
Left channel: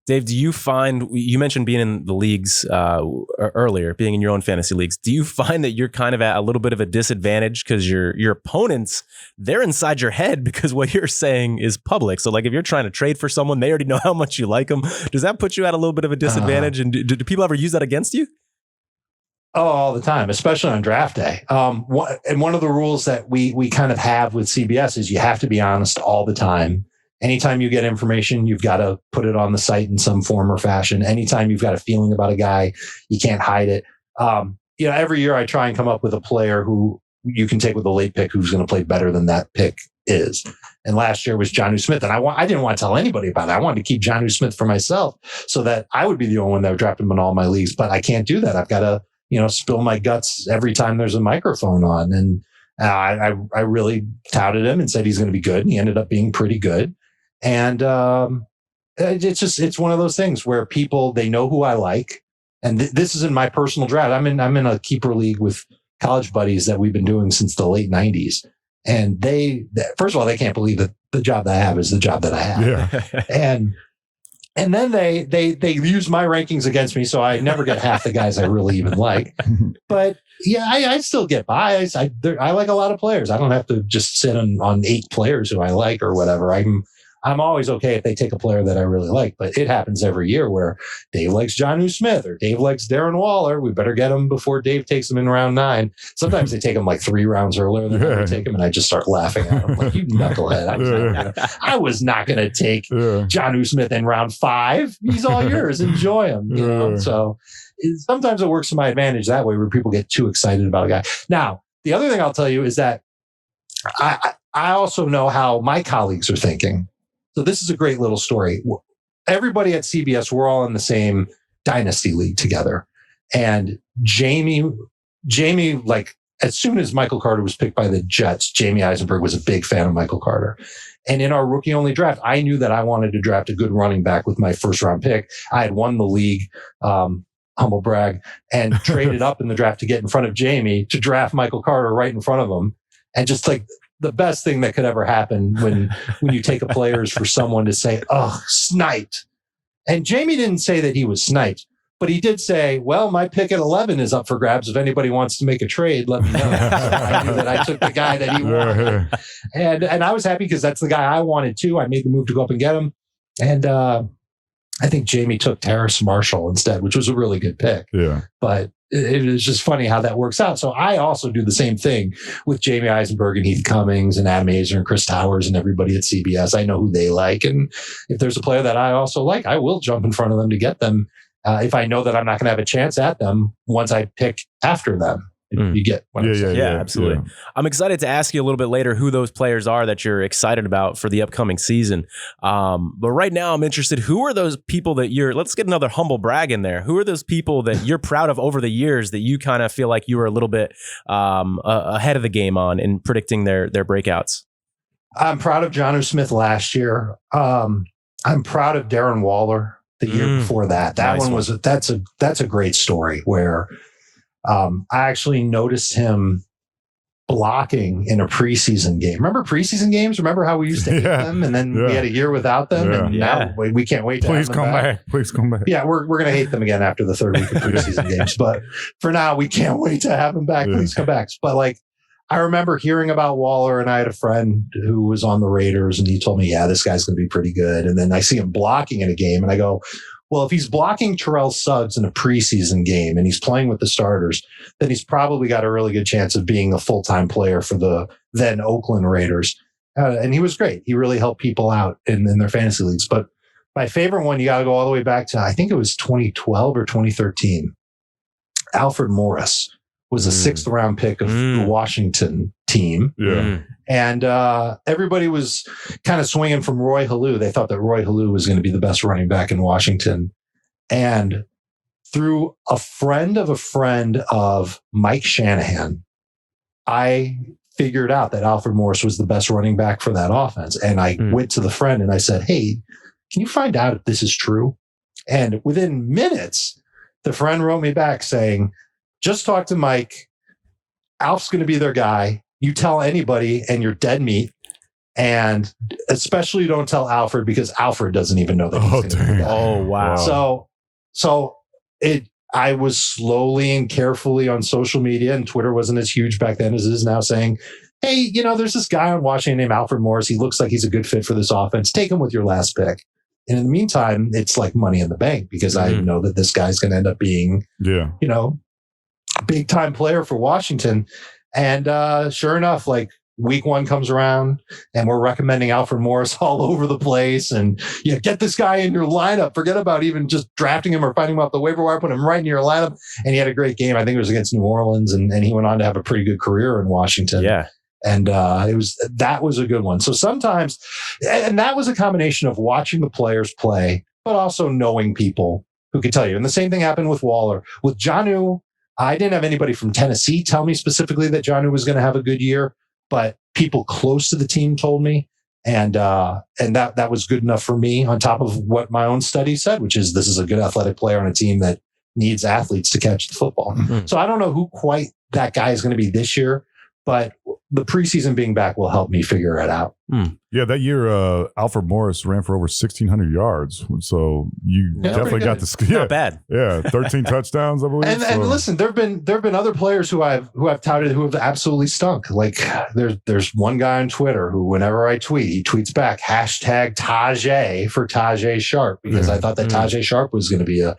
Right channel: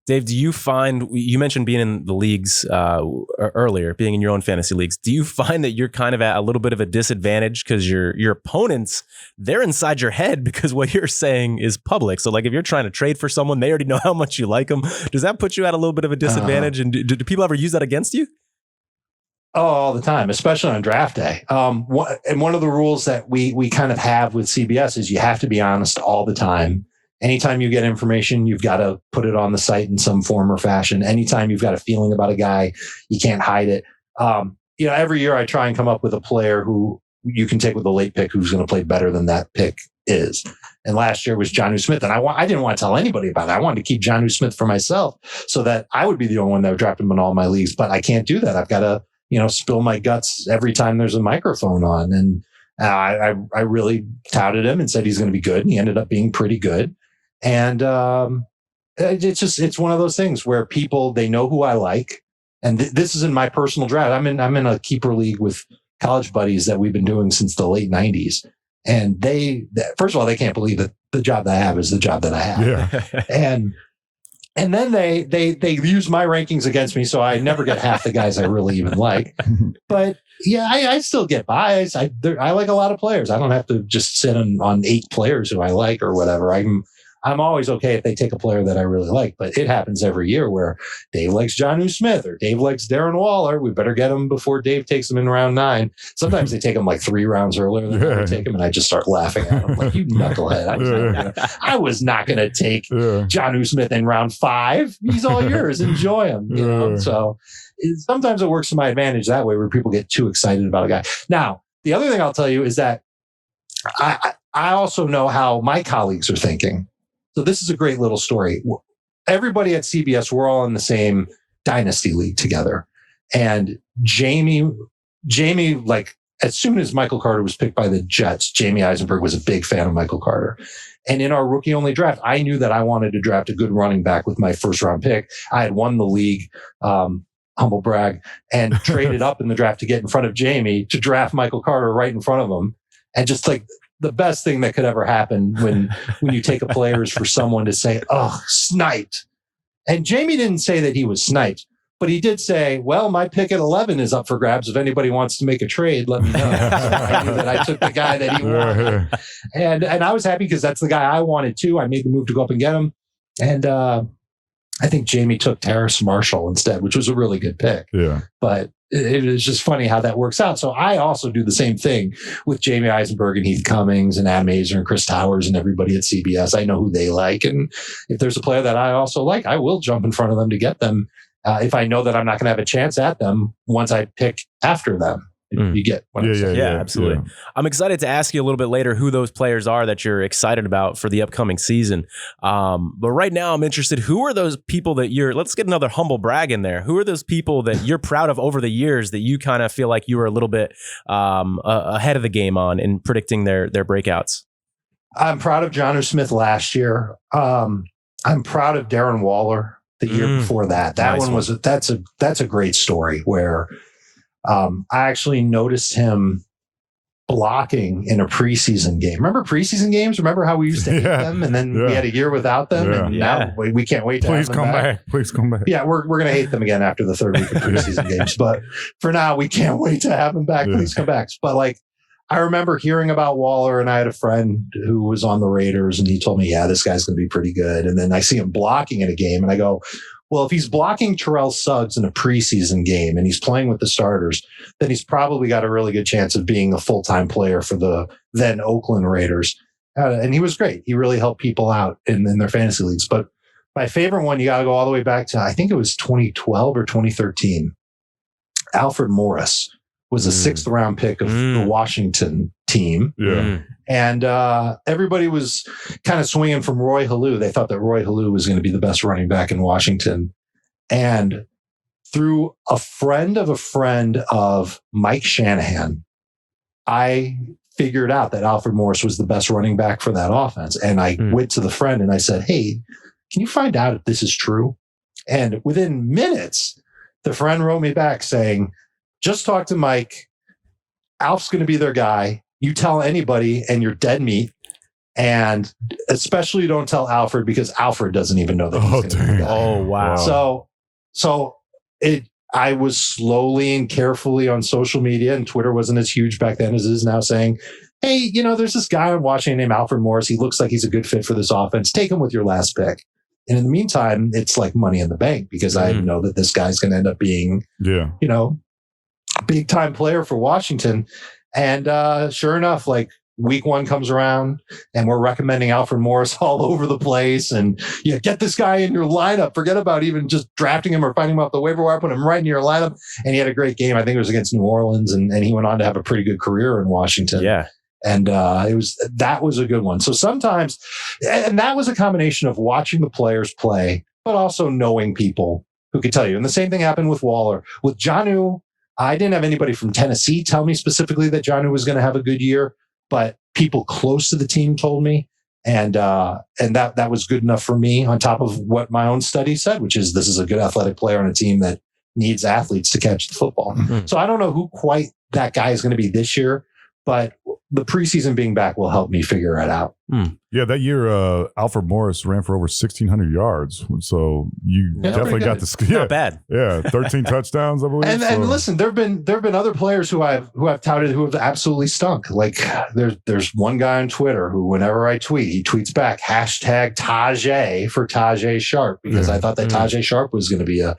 Dave, do you find, you mentioned being in the leagues earlier, being in your own fantasy leagues, do you find that you're kind of at a little bit of a disadvantage because your opponents, they're inside your head because what you're saying is public? So like if you're trying to trade for someone, they already know how much you like them. Does that put you at a little bit of a disadvantage? And do people ever use that against you? Oh, all the time, especially on draft day. And one of the rules that we kind of have with CBS is you have to be honest all the time. Anytime you get information, you've got to put it on the site in some form or fashion. Anytime you've got a feeling about a guy, you can't hide it. Every year I try and come up with a player who you can take with a late pick who's going to play better than that pick is. And last year was Jonnu Smith. And I didn't want to tell anybody about it. I wanted to keep Jonnu Smith for myself so that I would be the only one that would draft him in all my leagues. But I can't do that. I've got to, spill my guts every time there's a microphone on. And I really touted him and said he's going to be good. And he ended up being pretty good. And it's one of those things where people, they know who I like. And this is in my personal draft. I'm in a keeper league with college buddies that we've been doing since the late 90s. And first of all, they can't believe that the job that I have is the job that I have. Yeah. And then they use my rankings against me. So I never get half the guys I really even like. But yeah, I still get by. I like a lot of players. I don't have to just sit on 8 players who I like or whatever. I'm always okay if they take a player that I really like, but it happens every year where Dave likes Jonnu Smith or Dave likes Darren Waller. We better get him before Dave takes him in round 9. Sometimes they take him like 3 rounds earlier than I take him, and I just start laughing at him like, you knucklehead. I was not going to take Jonnu Smith in round 5. He's all yours. Enjoy him. You know? So sometimes it works to my advantage that way, where people get too excited about a guy. Now, the other thing I'll tell you is that I also know how my colleagues are thinking. So this is a great little story. Everybody at CBS, we're all in the same dynasty league together. And Jamie, like as soon as Michael Carter was picked by the Jets, Jamie Eisenberg was a big fan of Michael Carter. And in our rookie only draft, I knew that I wanted to draft a good running back with my first round pick. I had won the league, humble brag, and traded up in the draft to get in front of Jamie to draft Michael Carter right in front of him. And just like the best thing that could ever happen when you take a player is for someone to say, oh, sniped. And Jamie didn't say that he was sniped, but he did say, well, my pick at 11 is up for grabs. If anybody wants to make a trade, let me know. So I knew that I took the guy that he wanted. And I was happy because that's the guy I wanted too. I made the move to go up and get him. And I think Jamie took Terrace Marshall instead, which was a really good pick. Yeah. But it is just funny how that works out. So I also do the same thing with Jamie Eisenberg and Heath Cummings and Adam Azer and Chris Towers and everybody at CBS. I know who they like. And if there's a player that I also like, I will jump in front of them to get them. If I know that I'm not going to have a chance at them once I pick after them. You get what I'm saying. Yeah, absolutely. Yeah. I'm excited to ask you a little bit later who those players are that you're excited about for the upcoming season. But right now I'm interested, who are those people that let's get another humble brag in there. Who are those people that you're proud of over the years that you kind of feel like you were a little bit ahead of the game on in predicting their breakouts? I'm proud of Jonnu Smith last year. I'm proud of Darren Waller the year before that. That's a great story where I actually noticed him blocking in a preseason game. Remember preseason games? Remember how we used to hate them, and then we had a year without them, and now we can't wait. Please come back. Please come back. Yeah, we're gonna hate them again after the 3rd week of preseason games, but for now, we can't wait to have them back. Please come back. But like, I remember hearing about Waller, and I had a friend who was on the Raiders, and he told me, yeah, this guy's gonna be pretty good. And then I see him blocking in a game, and I go, well, if he's blocking Terrell Suggs in a preseason game and he's playing with the starters, then he's probably got a really good chance of being a full-time player for the then Oakland Raiders. And he was great. He really helped people out in their fantasy leagues. But my favorite one, you got to go all the way back to, I think it was 2012 or 2013. Alfred Morris was a 6th round pick of the Washington team. Yeah. And everybody was kind of swinging from Roy Halou. They thought that Roy Halou was going to be the best running back in Washington. And through a friend of Mike Shanahan, I figured out that Alfred Morris was the best running back for that offense. And I went to the friend and I said, hey, can you find out if this is true? And within minutes, the friend wrote me back saying, just talk to Mike. Alf's going to be their guy. You tell anybody and you're dead meat. And especially don't tell Alfred, because Alfred doesn't even know that. Oh, wow. So I was slowly and carefully on social media, and Twitter wasn't as huge back then as it is now, saying, hey, there's this guy on Washington named Alfred Morris. He looks like he's a good fit for this offense. Take him with your last pick. And in the meantime, it's like money in the bank, because I know that this guy's going to end up being, big time player for Washington. And sure enough, like week 1 comes around and we're recommending Alfred Morris all over the place. And get this guy in your lineup. Forget about even just drafting him or finding him off the waiver wire, put him right in your lineup. And he had a great game. I think it was against New Orleans, and he went on to have a pretty good career in Washington. Yeah. And that was a good one. So sometimes, and that was a combination of watching the players play, but also knowing people who could tell you. And the same thing happened with Waller. With Jonnu, I didn't have anybody from Tennessee tell me specifically that Jonnu was going to have a good year, but people close to the team told me. And that was good enough for me, on top of what my own study said, which is this is a good athletic player on a team that needs athletes to catch the football. Mm-hmm. So I don't know who quite that guy is going to be this year, but the preseason being back will help me figure it out. Yeah, that year, Alfred Morris ran for over 1,600 yards. So you definitely got the Not bad. Yeah, 13 touchdowns, I believe. And listen, there've been other players who I've touted who have absolutely stunk. Like there's one guy on Twitter who, whenever I tweet, he tweets back #Tajay for Tajay Sharp, because I thought that Tajay Sharp was going to be a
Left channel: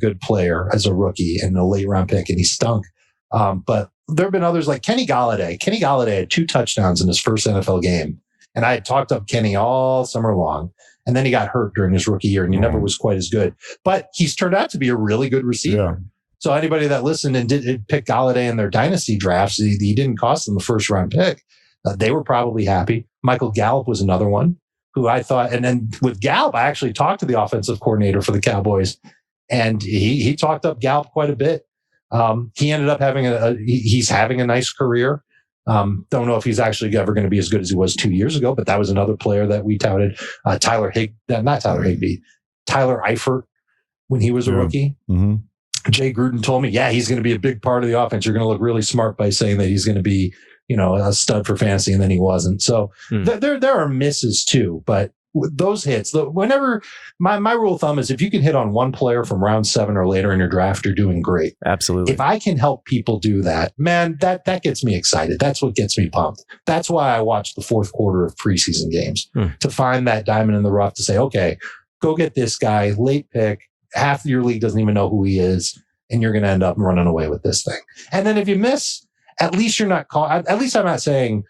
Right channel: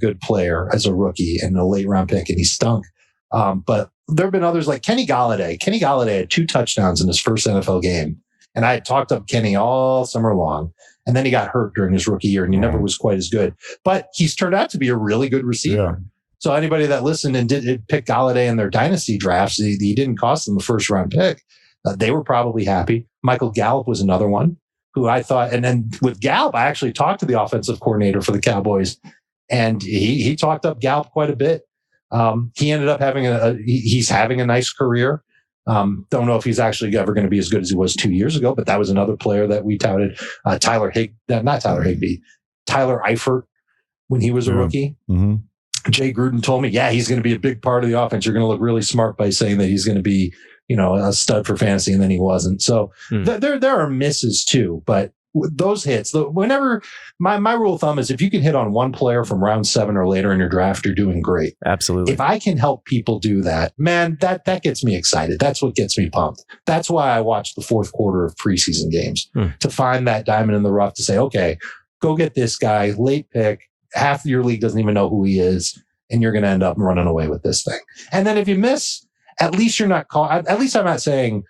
good player as a rookie and a late round pick, and he stunk. But there have been others like Kenny Galladay. Kenny Galladay had 2 touchdowns in his first NFL game. And I had talked up Kenny all summer long. And then he got hurt during his rookie year and he never was quite as good. But he's turned out to be a really good receiver. Yeah. So anybody that listened and did pick Galladay in their dynasty drafts, he didn't cost them a first round pick. They were probably happy. Michael Gallup was another one who I thought, and then with Gallup, I actually talked to the offensive coordinator for the Cowboys, and he talked up Gallup quite a bit. He ended up having he's having a nice career. Don't know if he's actually ever going to be as good as he was 2 years ago, but that was another player that we touted. Tyler Eifert when he was a rookie. Mm-hmm. Jay Gruden told me, he's going to be a big part of the offense. You're going to look really smart by saying that he's going to be, a stud for fantasy, and then he wasn't. So there are misses too, but those hits, whenever my rule of thumb is if you can hit on one player from round 7 or later in your draft, you're doing great. Absolutely. If I can help people do that, man, that gets me excited. That's what gets me pumped. That's why I watch the fourth quarter of preseason games, to find that diamond in the rough, to say, okay, go get this guy, late pick. Half of your league doesn't even know who he is, and you're going to end up running away with this thing. And then if you miss, at least you're not at least I'm not saying,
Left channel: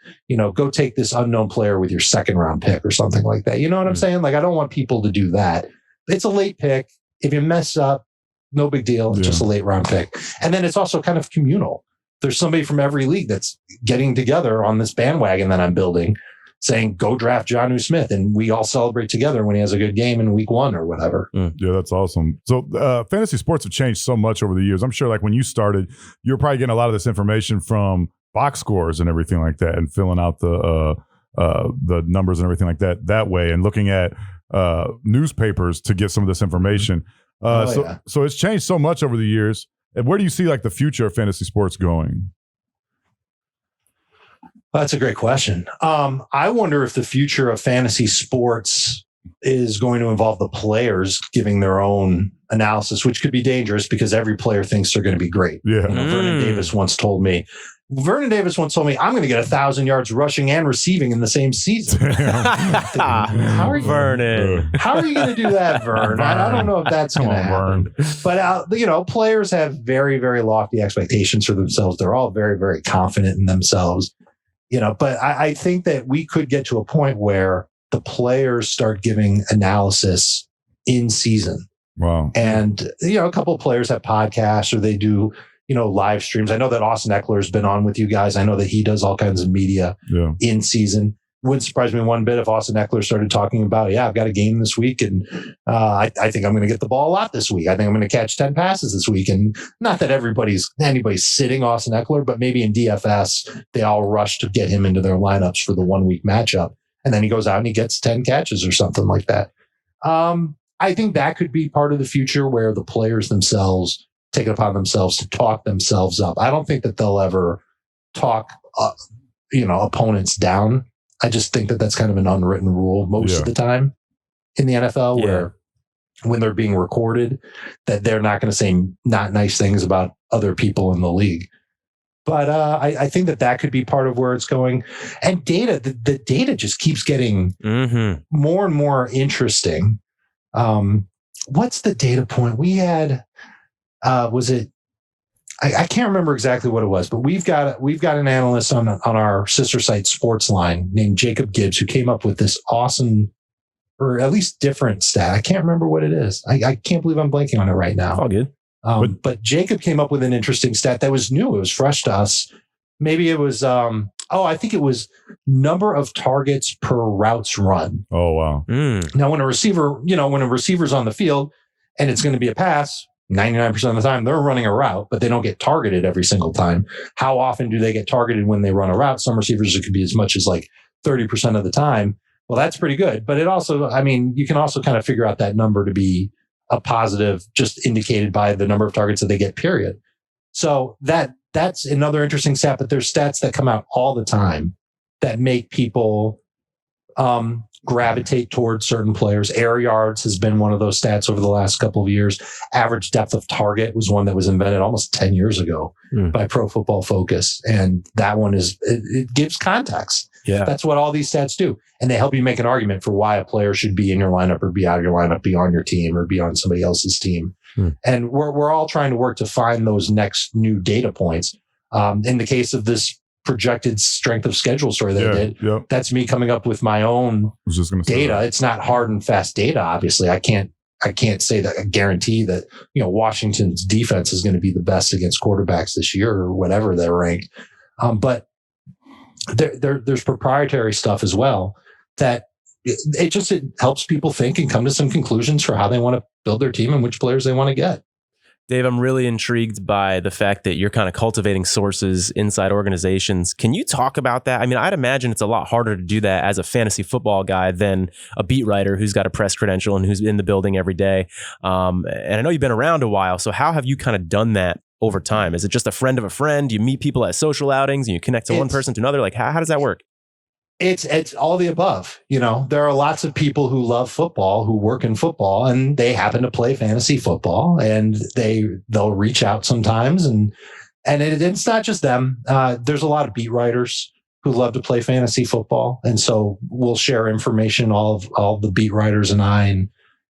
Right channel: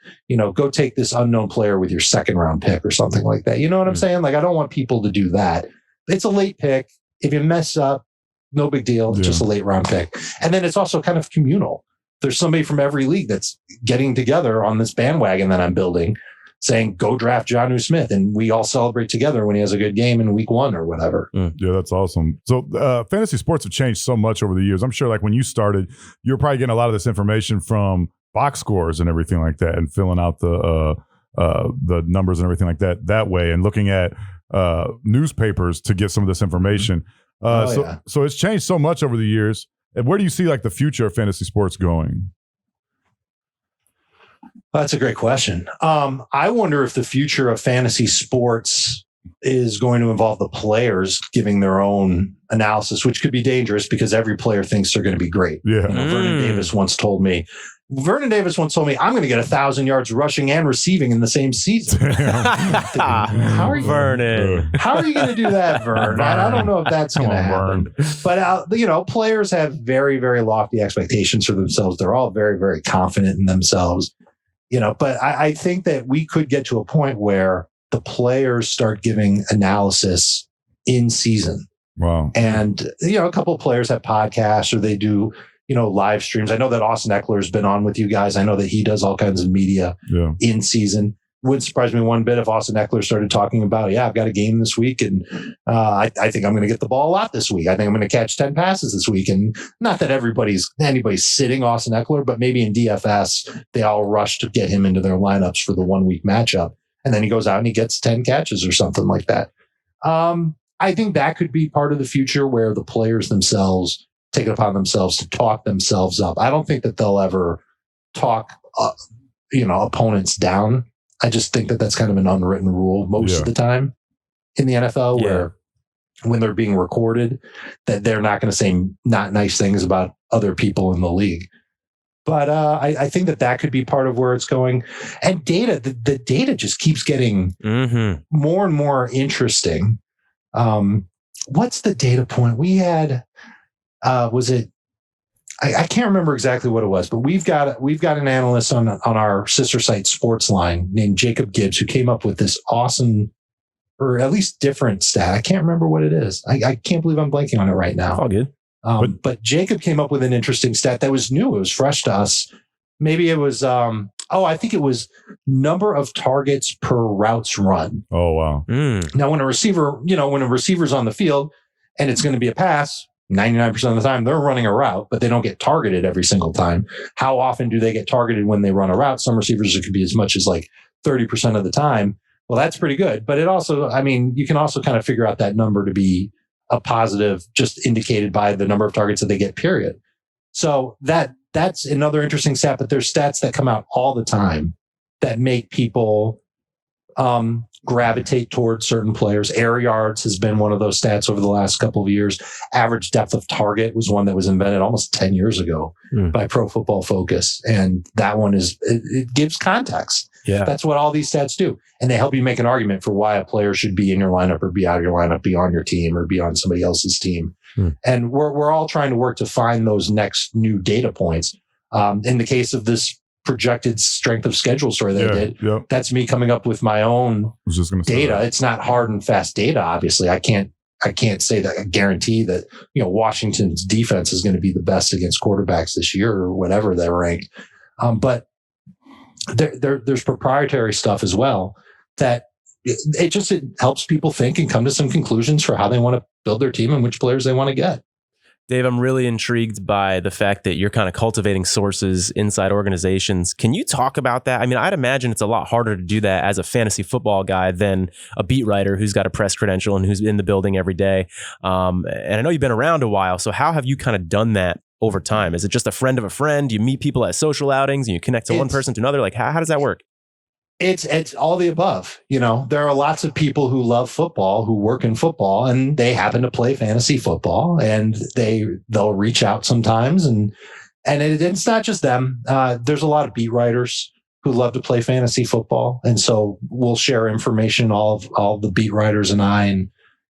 go take this unknown player with your second round pick or something like that. You know what I'm saying? Like, I don't want people to do that. It's a late pick. If you mess up, no big deal. It's just a late round pick. And then it's also kind of communal. There's somebody from every league that's getting together on this bandwagon that I'm building, saying, go draft Jonnu Smith, and we all celebrate together when he has a good game in week 1 or whatever. Yeah, that's awesome. So fantasy sports have changed so much over the years. I'm sure like when you started, you were probably getting a lot of this information from box scores and everything like that, and filling out the numbers and everything like that way, and looking at newspapers to get some of this information. So it's changed so much over the years. And where do you see like the future of fantasy sports going? That's a great question. I wonder if the future of fantasy sports is going to involve the players giving their own analysis, which could be dangerous because every player thinks they're going to be great. Yeah. Vernon Davis once told me, I'm going to get 1,000 yards rushing and receiving in the same season. How are you going to do that, Vern? I don't know if that's going to happen. But, players have very, very lofty expectations for themselves. They're all very, very confident in themselves. But I think that we could get to a point where the players start giving analysis in season. Wow. And, a couple of players have podcasts, or they do, live streams. I know that Austin Eckler's been on with you guys. I know that he does all kinds of media in season. Wouldn't surprise me one bit if Austin Eckler started talking about, I've got a game this week, and I think I'm going to get the ball a lot this week. I think I'm going to catch 10 passes this week. And not that anybody's sitting Austin Eckler, but maybe in DFS, they all rush to get him into their lineups for the 1 week matchup. And then he goes out and he gets 10 catches or something like that. I think that could be part of the future, where the players themselves take it upon themselves to talk themselves up. I don't think that they'll ever talk, opponents down. I just think that that's kind of an unwritten rule most of the time in the NFL, where when they're being recorded, that they're not going to say not nice things about other people in the league. But I think that could be part of where it's going. And data, the data just keeps getting more and more interesting. What's the data point we had? Was it? I can't remember exactly what it was, but we've got an analyst on our sister site Sportsline named Jacob Gibbs, who came up with this awesome, or at least different stat. I can't remember what it is. I can't believe I'm blanking on it right now. All good. But Jacob came up with an interesting stat that was new. It was fresh to us. Maybe it was, I think it was number of targets per routes run. Oh, wow. Now, when a receiver's on the field and it's going to be a pass, 99% of the time they're running a route, but they don't get targeted every single time. How often do they get targeted when they run a route? Some receivers, it could be as much as like 30% of the time. Well, that's pretty good. But it also, you can also kind of figure out that number to be a positive, just indicated by the number of targets that they get, period. So that that's another interesting stat, but there's stats that come out all the time that make people gravitate towards certain players. Air yards has been one of those stats over the last couple of years. Average depth of target was one that was invented almost 10 years ago by Pro Football Focus. And that one it gives context. Yeah. That's what all these stats do. And they help you make an argument for why a player should be in your lineup or be out of your lineup, be on your team or be on somebody else's team. And we're all trying to work to find those next new data points. In the case of this projected strength of schedule story that I did, that's me coming up with my own data. It's not hard and fast data. Obviously, I can't say that I guarantee that, Washington's defense is going to be the best against quarterbacks this year or whatever they're ranked. But there's proprietary stuff as well that it helps people think and come to some conclusions for how they want to build their team and which players they want to get. Dave, I'm really intrigued by the fact that you're kind of cultivating sources inside organizations. Can you talk about that? I mean, I'd imagine it's a lot harder to do that as a fantasy football guy than a beat writer who's got a press credential and who's in the building every day. And I know you've been around a while. So how have you kind of done that over time? Is it just a friend of a friend? You meet people at social outings and you connect to one person to another? Like, how does that work? It's all the above. There are lots of people who love football, who work in football, and they happen to play fantasy football, and they'll reach out sometimes. And it's not just them. There's a lot of beat writers who love to play fantasy football. And so we'll share information, all the beat writers and I, and,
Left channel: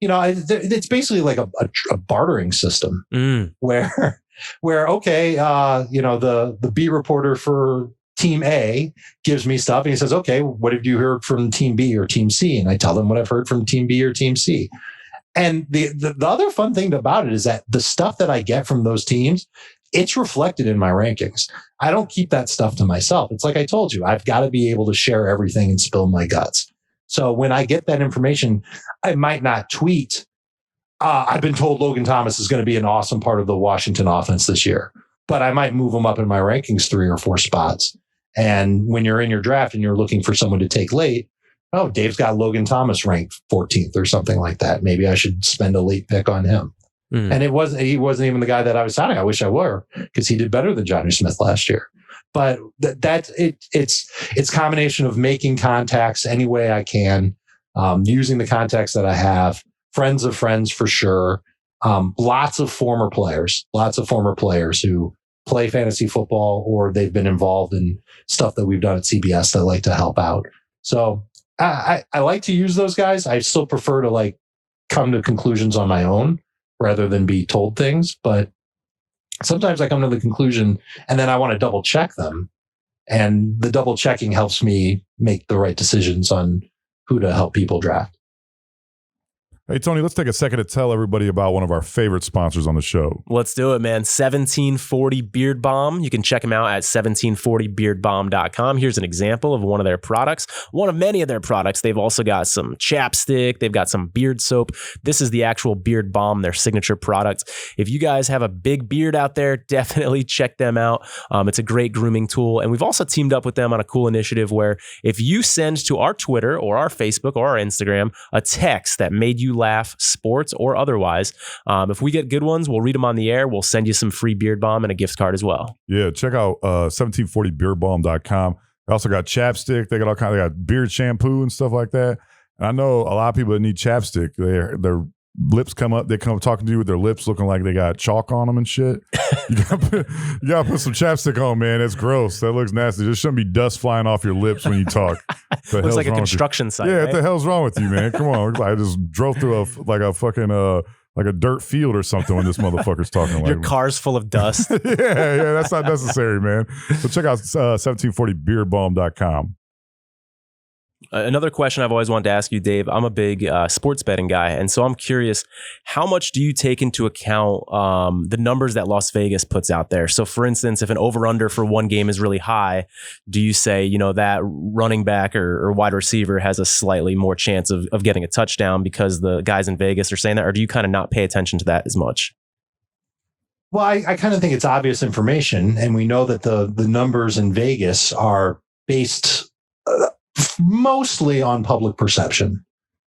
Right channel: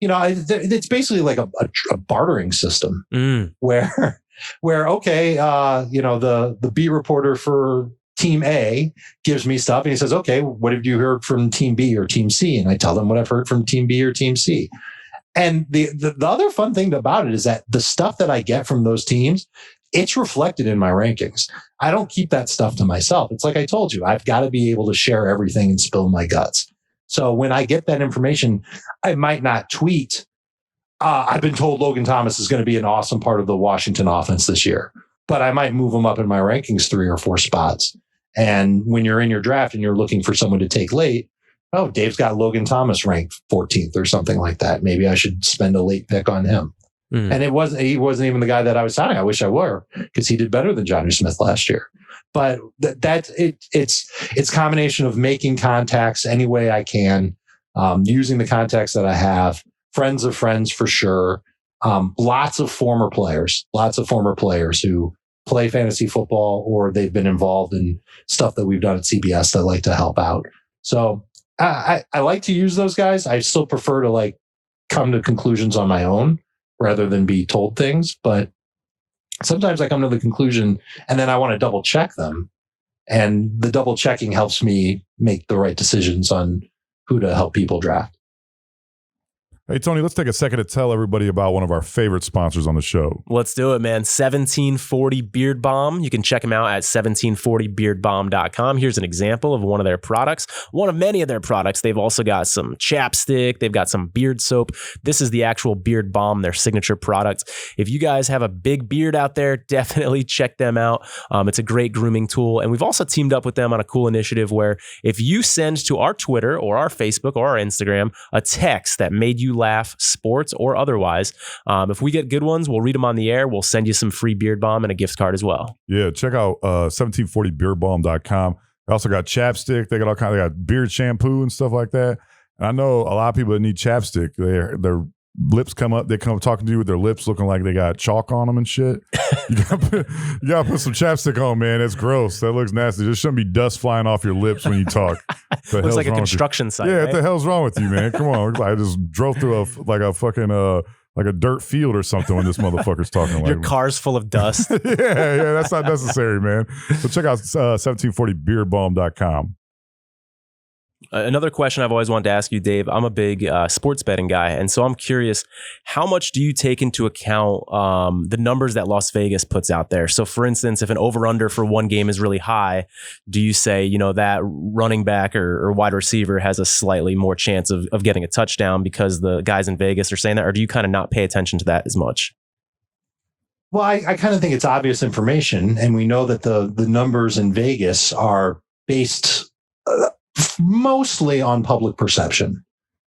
it's basically like a bartering system where, okay, the beat reporter for Team A gives me stuff and he says, okay, what have you heard from Team B or Team C? And I tell them what I've heard from Team B or Team C. And the other fun thing about it is that the stuff that I get from those teams, it's reflected in my rankings. I don't keep that stuff to myself. It's like I told you, I've got to be able to share everything and spill my guts. So when I get that information, I might not tweet, I've been told Logan Thomas is going to be an awesome part of the Washington offense this year, but I might move him up in my rankings 3 or 4 spots. And when you're in your draft and you're looking for someone to take late, Dave's got Logan Thomas ranked 14th or something like that. Maybe I should spend a late pick on him. And he wasn't even the guy that I was signing. I wish I were, because he did better than Johnny Smith last year. But it's combination of making contacts any way I can, using the contacts that I have, friends of friends for sure. Lots of former players who play fantasy football or they've been involved in stuff that we've done at CBS that like to help out. So I like to use those guys. I still prefer to come to conclusions on my own rather than be told things. But sometimes I come to the conclusion and then I want to double check them. And the double checking helps me make the right decisions on who to help people draft. Hey, Tony, let's take a second to tell everybody about one of our favorite sponsors on the show. Let's do it, man. 1740 Beard Balm. You can check them out at 1740beardbalm.com. Here's an example of one of their products. One of many of their products. They've also got some chapstick. They've got some beard soap. This is the actual beard balm, their signature product. If you guys have a big beard out there, definitely check them out. It's a great grooming tool. And we've also teamed up with them on a cool initiative where if you send to our Twitter or our Facebook or our Instagram a text that made you laugh, sports or otherwise, if we get good ones, we'll read them on the air. We'll send you some free beard balm and a gift card as well. Yeah, check out 1740beardbalm.com. They also got chapstick. They got all kinds. They got beard shampoo and stuff like that. And I know a lot of people that need chapstick. Their lips come up. They come talking to you with their lips looking like they got chalk on them and shit. You gotta put some chapstick on, man. It's gross. That looks nasty. There shouldn't be dust flying off your lips when you talk. Looks like a construction site. Yeah, right? What the hell's wrong with you, man? Come on. I just drove through a dirt field or something when this motherfucker's talking. Your car's full of dust. yeah, that's not necessary, man. So check out 1740beardbalm.com. Another question I've always wanted to ask you, Dave, I'm a big sports betting guy. And so I'm curious, how much do you take into account the numbers that Las Vegas puts out there? So for instance, if an over-under for one game is really high, do you say, that running back or wide receiver has a slightly more chance of getting a touchdown because the guys in Vegas are saying that? Or do you kind of not pay attention to that as much? Well, I kind of think it's obvious information. And we know that the numbers in Vegas are based mostly on public perception.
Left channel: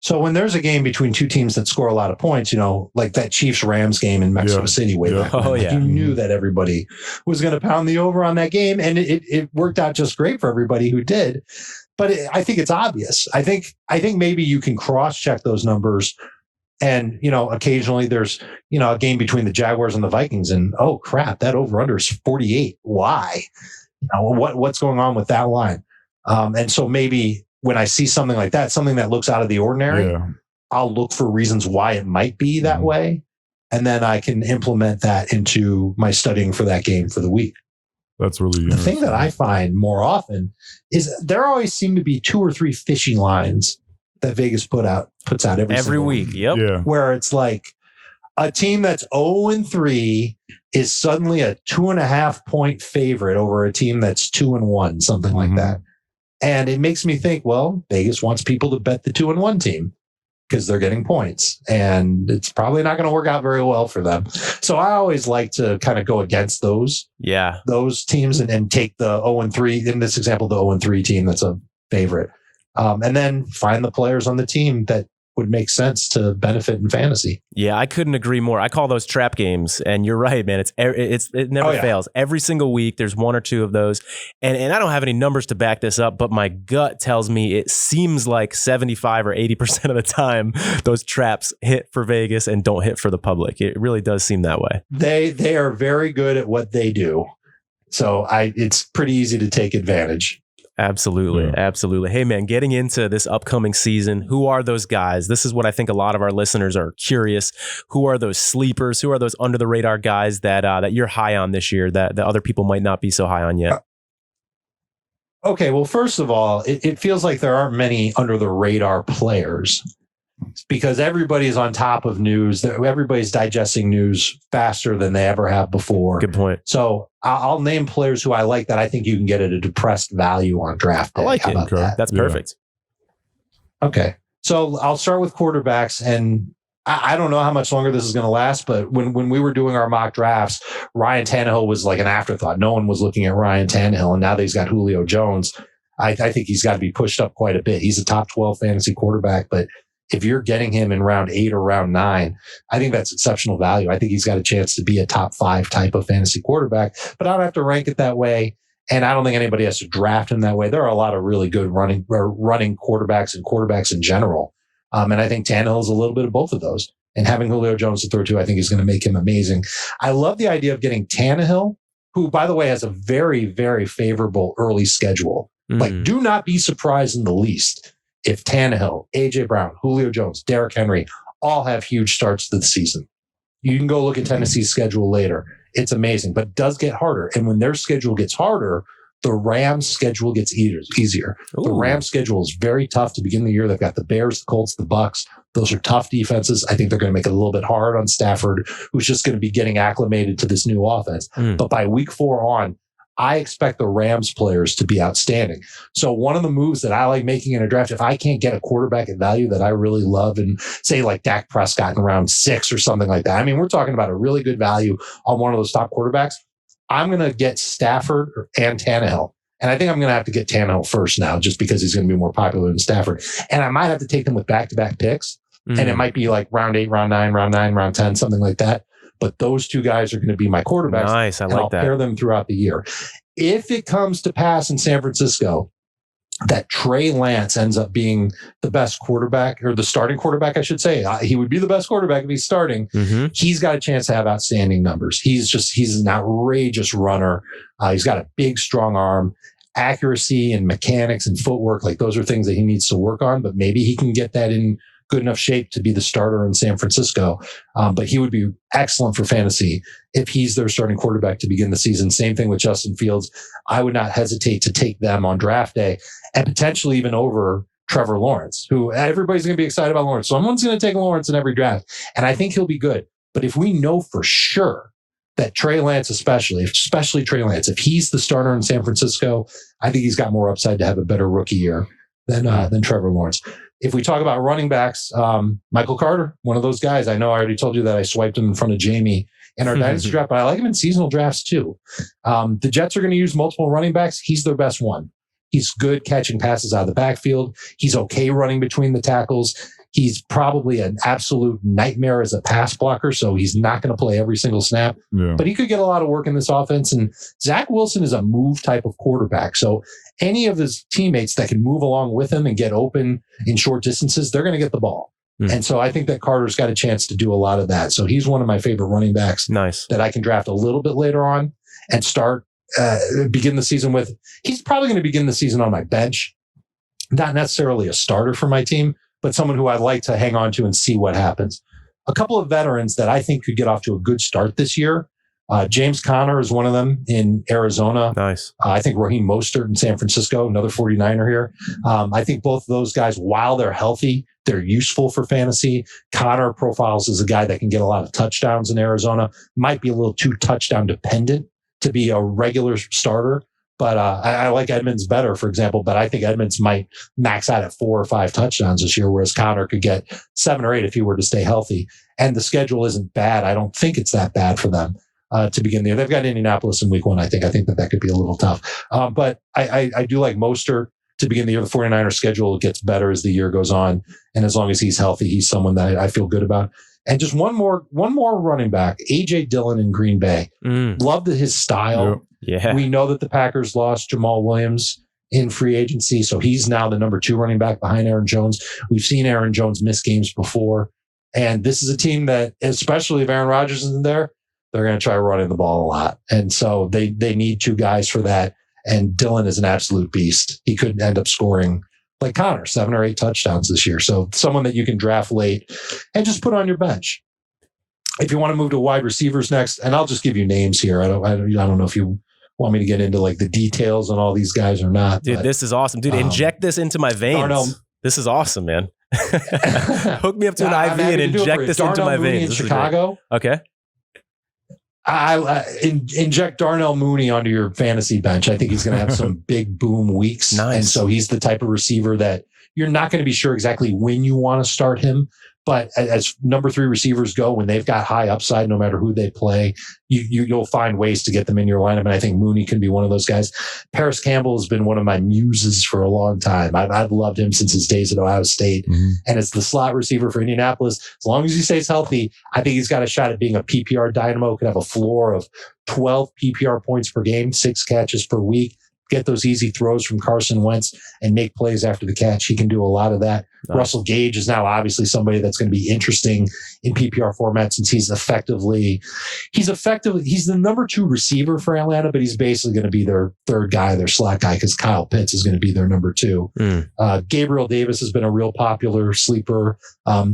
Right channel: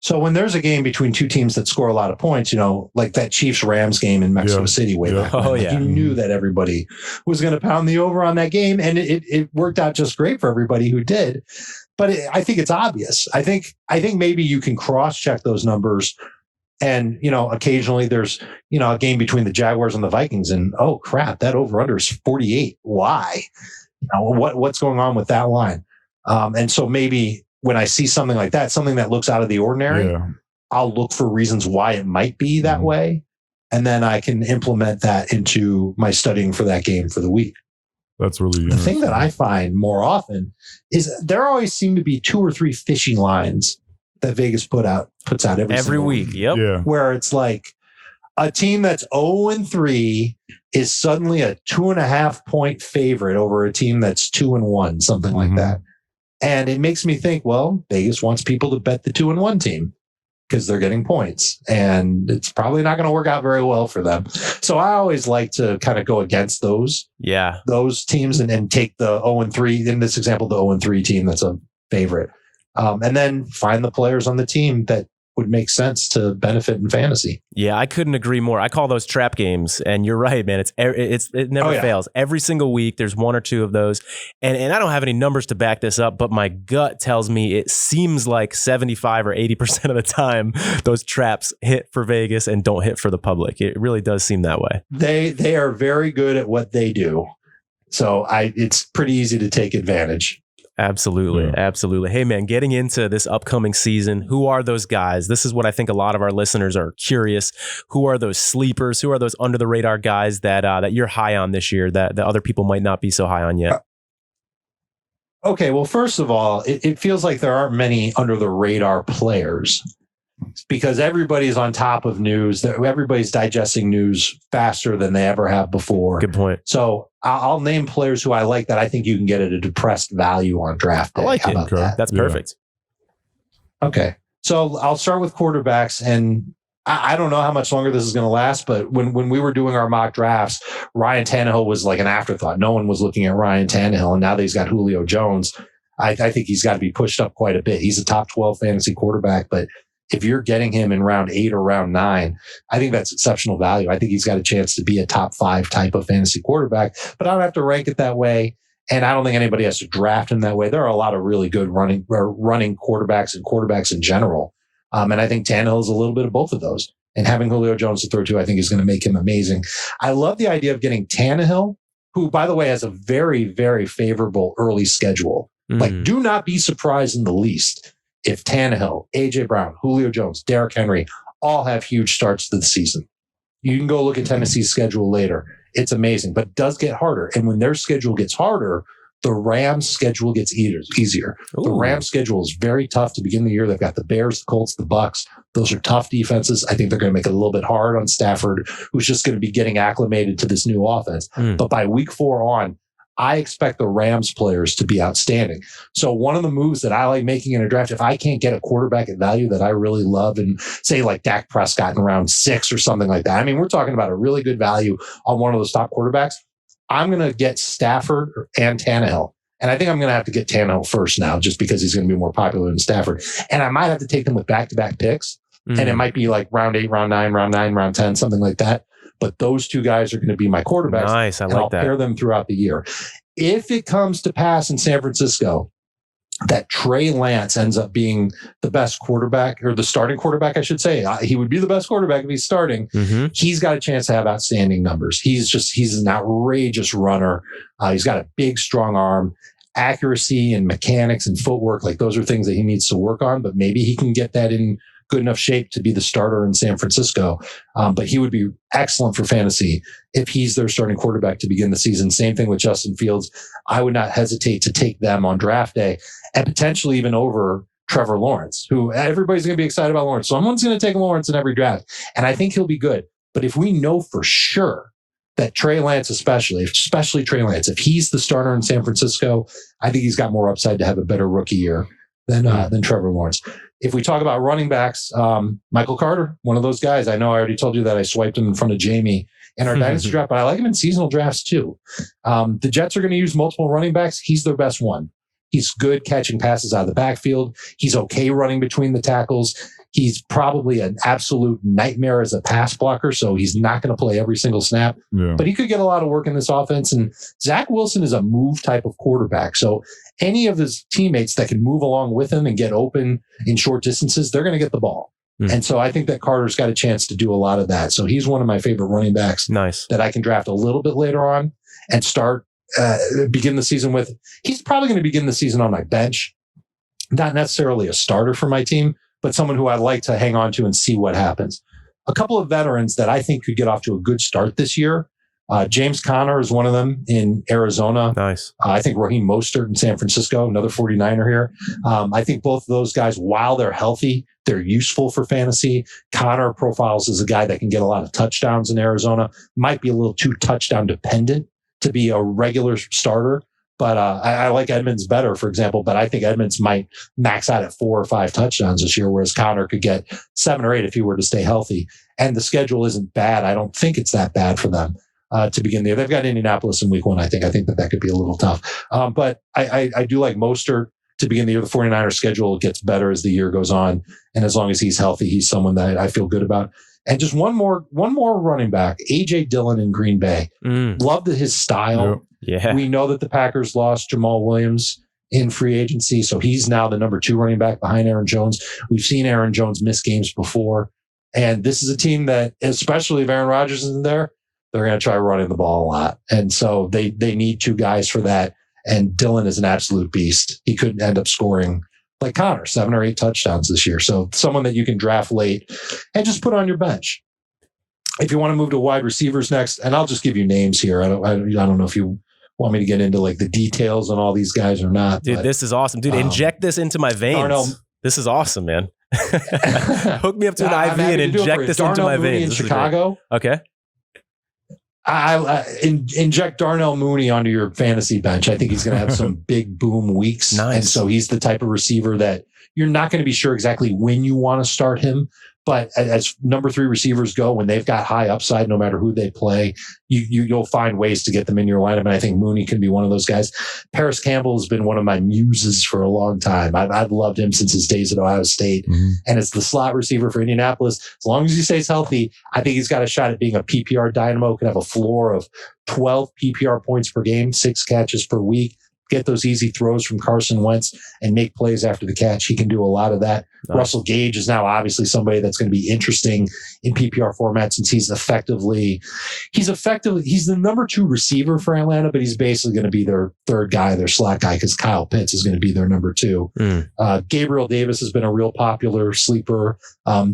So when there's a game between two teams that score a lot of points, like that Chiefs-Rams game in Mexico City way back when, you knew that everybody was going to pound the over on that game, and it worked out just great for everybody who did. But I think it's obvious. I think maybe you can cross-check those numbers, and occasionally there's a game between the Jaguars and the Vikings, and oh crap, that over/under is 48. Why? What's going on with that line? And so maybe when I see something like that, something that looks out of the ordinary, I'll look for reasons why it might be that way. And then I can implement that into my studying for that game for the week. That's really the thing that I find more often is there always seem to be 2 or 3 fishing lines that Vegas puts out every week. Yep. Yeah. Where it's like a team that's 0-3 is suddenly a 2.5 point favorite over a team that's 2-1, something like that. And it makes me think, well, Vegas wants people to bet the 2-1 team because they're getting points, and it's probably not going to work out very well for them. So I always like to kind of go against those teams and take the 0-3, in this example, the 0-3 team that's a favorite. And then find the players on the team that would make sense to benefit in fantasy. Yeah, I couldn't agree more. I call those trap games, and you're right, man. It never fails. Every single week, there's 1 or 2 of those, and I don't have any numbers to back this up, but my gut tells me it seems like 75 or 80% of the time those traps hit for Vegas and don't hit for the public. It really does seem that way. They are very good at what they do, so it's pretty easy to take advantage. Absolutely. Absolutely. Hey, man, getting into this upcoming season, who are those guys? This is what I think a lot of our listeners are curious. Who are those sleepers? Who are those under the radar guys that you're high on this year that other people might not be so high on yet? Okay. Well, first of all, it feels like there aren't many under the radar players because everybody's on top of news. Everybody's digesting news faster than they ever have before. Good point. So I'll name players who I like that I think you can get at a depressed value on draft day. I like it. That's perfect. Okay. So I'll start with quarterbacks, and I don't know how much longer this is going to last, but when we were doing our mock drafts, Ryan Tannehill was like an afterthought. No one was looking at Ryan Tannehill, and now that he's got Julio Jones, I think he's got to be pushed up quite a bit. He's a top 12 fantasy quarterback, but if you're getting him in round 8 or round 9, I think that's exceptional value. I think he's got a chance to be a top 5 type of fantasy quarterback, but I don't have to rank it that way. And I don't think anybody has to draft him that way. There are a lot of really good running quarterbacks and quarterbacks in general. And I think Tannehill is a little bit of both of those. And having Julio Jones to throw to, I think is going to make him amazing. I love the idea of getting Tannehill, who, by the way, has a very, very favorable early schedule. Like, do not be surprised in the least if Tannehill, A.J. Brown, Julio Jones, Derrick Henry all have huge starts to the season. You can go look at Tennessee's schedule later. It's amazing, but it does get harder. And when their schedule gets harder, the Rams' schedule gets easier. Ooh. The Rams' schedule is very tough to begin the year. They've got the Bears, the Colts, the Bucks. Those are tough defenses. I think they're going to make it a little bit hard on Stafford, who's just going to be getting acclimated to this new offense. But by week 4 on, I expect the Rams players to be outstanding. So one of the moves that I like making in a draft, if I can't get a quarterback at value that I really love, and say like Dak Prescott in round 6 or something like that, I mean, we're talking about a really good value on one of those top quarterbacks, I'm going to get Stafford and Tannehill. And I think I'm going to have to get Tannehill first now, just because he's going to be more popular than Stafford. And I might have to take them with back-to-back picks. And it might be like round 8, round 9, round 10, something like that. But those 2 guys are going to be my quarterbacks. Nice. I like I'll that. pair them throughout the year. If it comes to pass in San Francisco that Trey Lance ends up being the best quarterback, or the starting quarterback, I should say, he would be the best quarterback if he's starting. He's got a chance to have outstanding numbers. He's an outrageous runner. He's got a big, strong arm. Accuracy and mechanics and footwork, like those are things that he needs to work on, but maybe he can get that in good enough shape to be the starter in San Francisco. But he would be excellent for fantasy if he's their starting quarterback to begin the season. Same thing with Justin Fields. I would not hesitate to take them on draft day, and potentially even over Trevor Lawrence, who everybody's going to be excited about Lawrence. Someone's going to take Lawrence in every draft, and I think he'll be good. But if we know for sure that Trey Lance, especially Trey Lance, if he's the starter in San Francisco, I think he's got more upside to have a better rookie year than Trevor Lawrence. If we talk about running backs, Michael Carter, one of those guys. I know I already told you that I swiped him in front of Jamie in our dynasty draft, but I like him in seasonal drafts too. The Jets are going to use multiple running backs. He's their best one. He's good catching passes out of the backfield. He's okay running between the tackles. He's probably an absolute nightmare as a pass blocker, so he's not going to play every single snap. Yeah. But he could get a lot of work in this offense. And Zach Wilson is a move type of quarterback. So any of his teammates that can move along with him and get open in short distances, they're going to get the ball. And so I think that Carter's got a chance to do a lot of that. So he's one of my favorite running backs that I can draft a little bit later on and start, begin the season with. He's probably going to begin the season on my bench. Not necessarily a starter for my team, but someone who I'd like to hang on to and see what happens. A couple of veterans that I think could get off to a good start this year. James Conner is one of them in Arizona. Nice. I think Raheem Mostert in San Francisco, another 49er here. I think both of those guys, while they're healthy, they're useful for fantasy. Conner profiles as a guy that can get a lot of touchdowns in Arizona. Might be a little too touchdown dependent to be a regular starter. But I like Edmonds better, for example. But I think Edmonds might max out at 4 or 5 touchdowns this year, whereas Conner could get 7 or 8 if he were to stay healthy. And the schedule isn't bad. I don't think it's that bad for them to begin there. They've got Indianapolis in week 1. I think that could be a little tough. But I do like Mostert to begin the year. The 49ers schedule gets better as the year goes on. And as long as he's healthy, he's someone that I feel good about. And just one more running back, A.J. Dillon in Green Bay. Loved his style. Yeah. We know that the Packers lost Jamal Williams in free agency, so he's now the number 2 running back behind Aaron Jones. We've seen Aaron Jones miss games before. And this is a team that, especially if Aaron Rodgers isn't there, they're going to try running the ball a lot. And so they need 2 guys for that. And Dillon is an absolute beast. He could end up scoring like Conner, 7 or 8 touchdowns this year. So someone that you can draft late and just put on your bench. If you want to move to wide receivers next, and I'll just give you names here. I don't know if you want me to get into like the details on all these guys or not. Dude, this is awesome. Dude, inject this into my veins. This is awesome, man. Hook me up to an IV and inject this into my veins. In Chicago. Okay. I inject Darnell Mooney onto your fantasy bench. I think he's going to have some big boom weeks. Nice. And so he's the type of receiver that you're not going to be sure exactly when you want to start him. But as number 3 receivers go, when they've got high upside, no matter who they play, you'll find ways to get them in your lineup. And I think Mooney can be one of those guys. Paris Campbell has been one of my muses for a long time. I've loved him since his days at Ohio State. And it's the slot receiver for Indianapolis. As long as he stays healthy, I think he's got a shot at being a PPR dynamo. Could have a floor of 12 PPR points per game, 6 catches per week. Get those easy throws from Carson Wentz and make plays after the catch. He can do a lot of that. Nice. Russell Gage is now obviously somebody that's going to be interesting in PPR format since he's effectively the number 2 receiver for Atlanta, but he's basically going to be their 3rd guy, their slot guy, because Kyle Pitts is going to be their number 2. Gabriel Davis has been a real popular sleeper.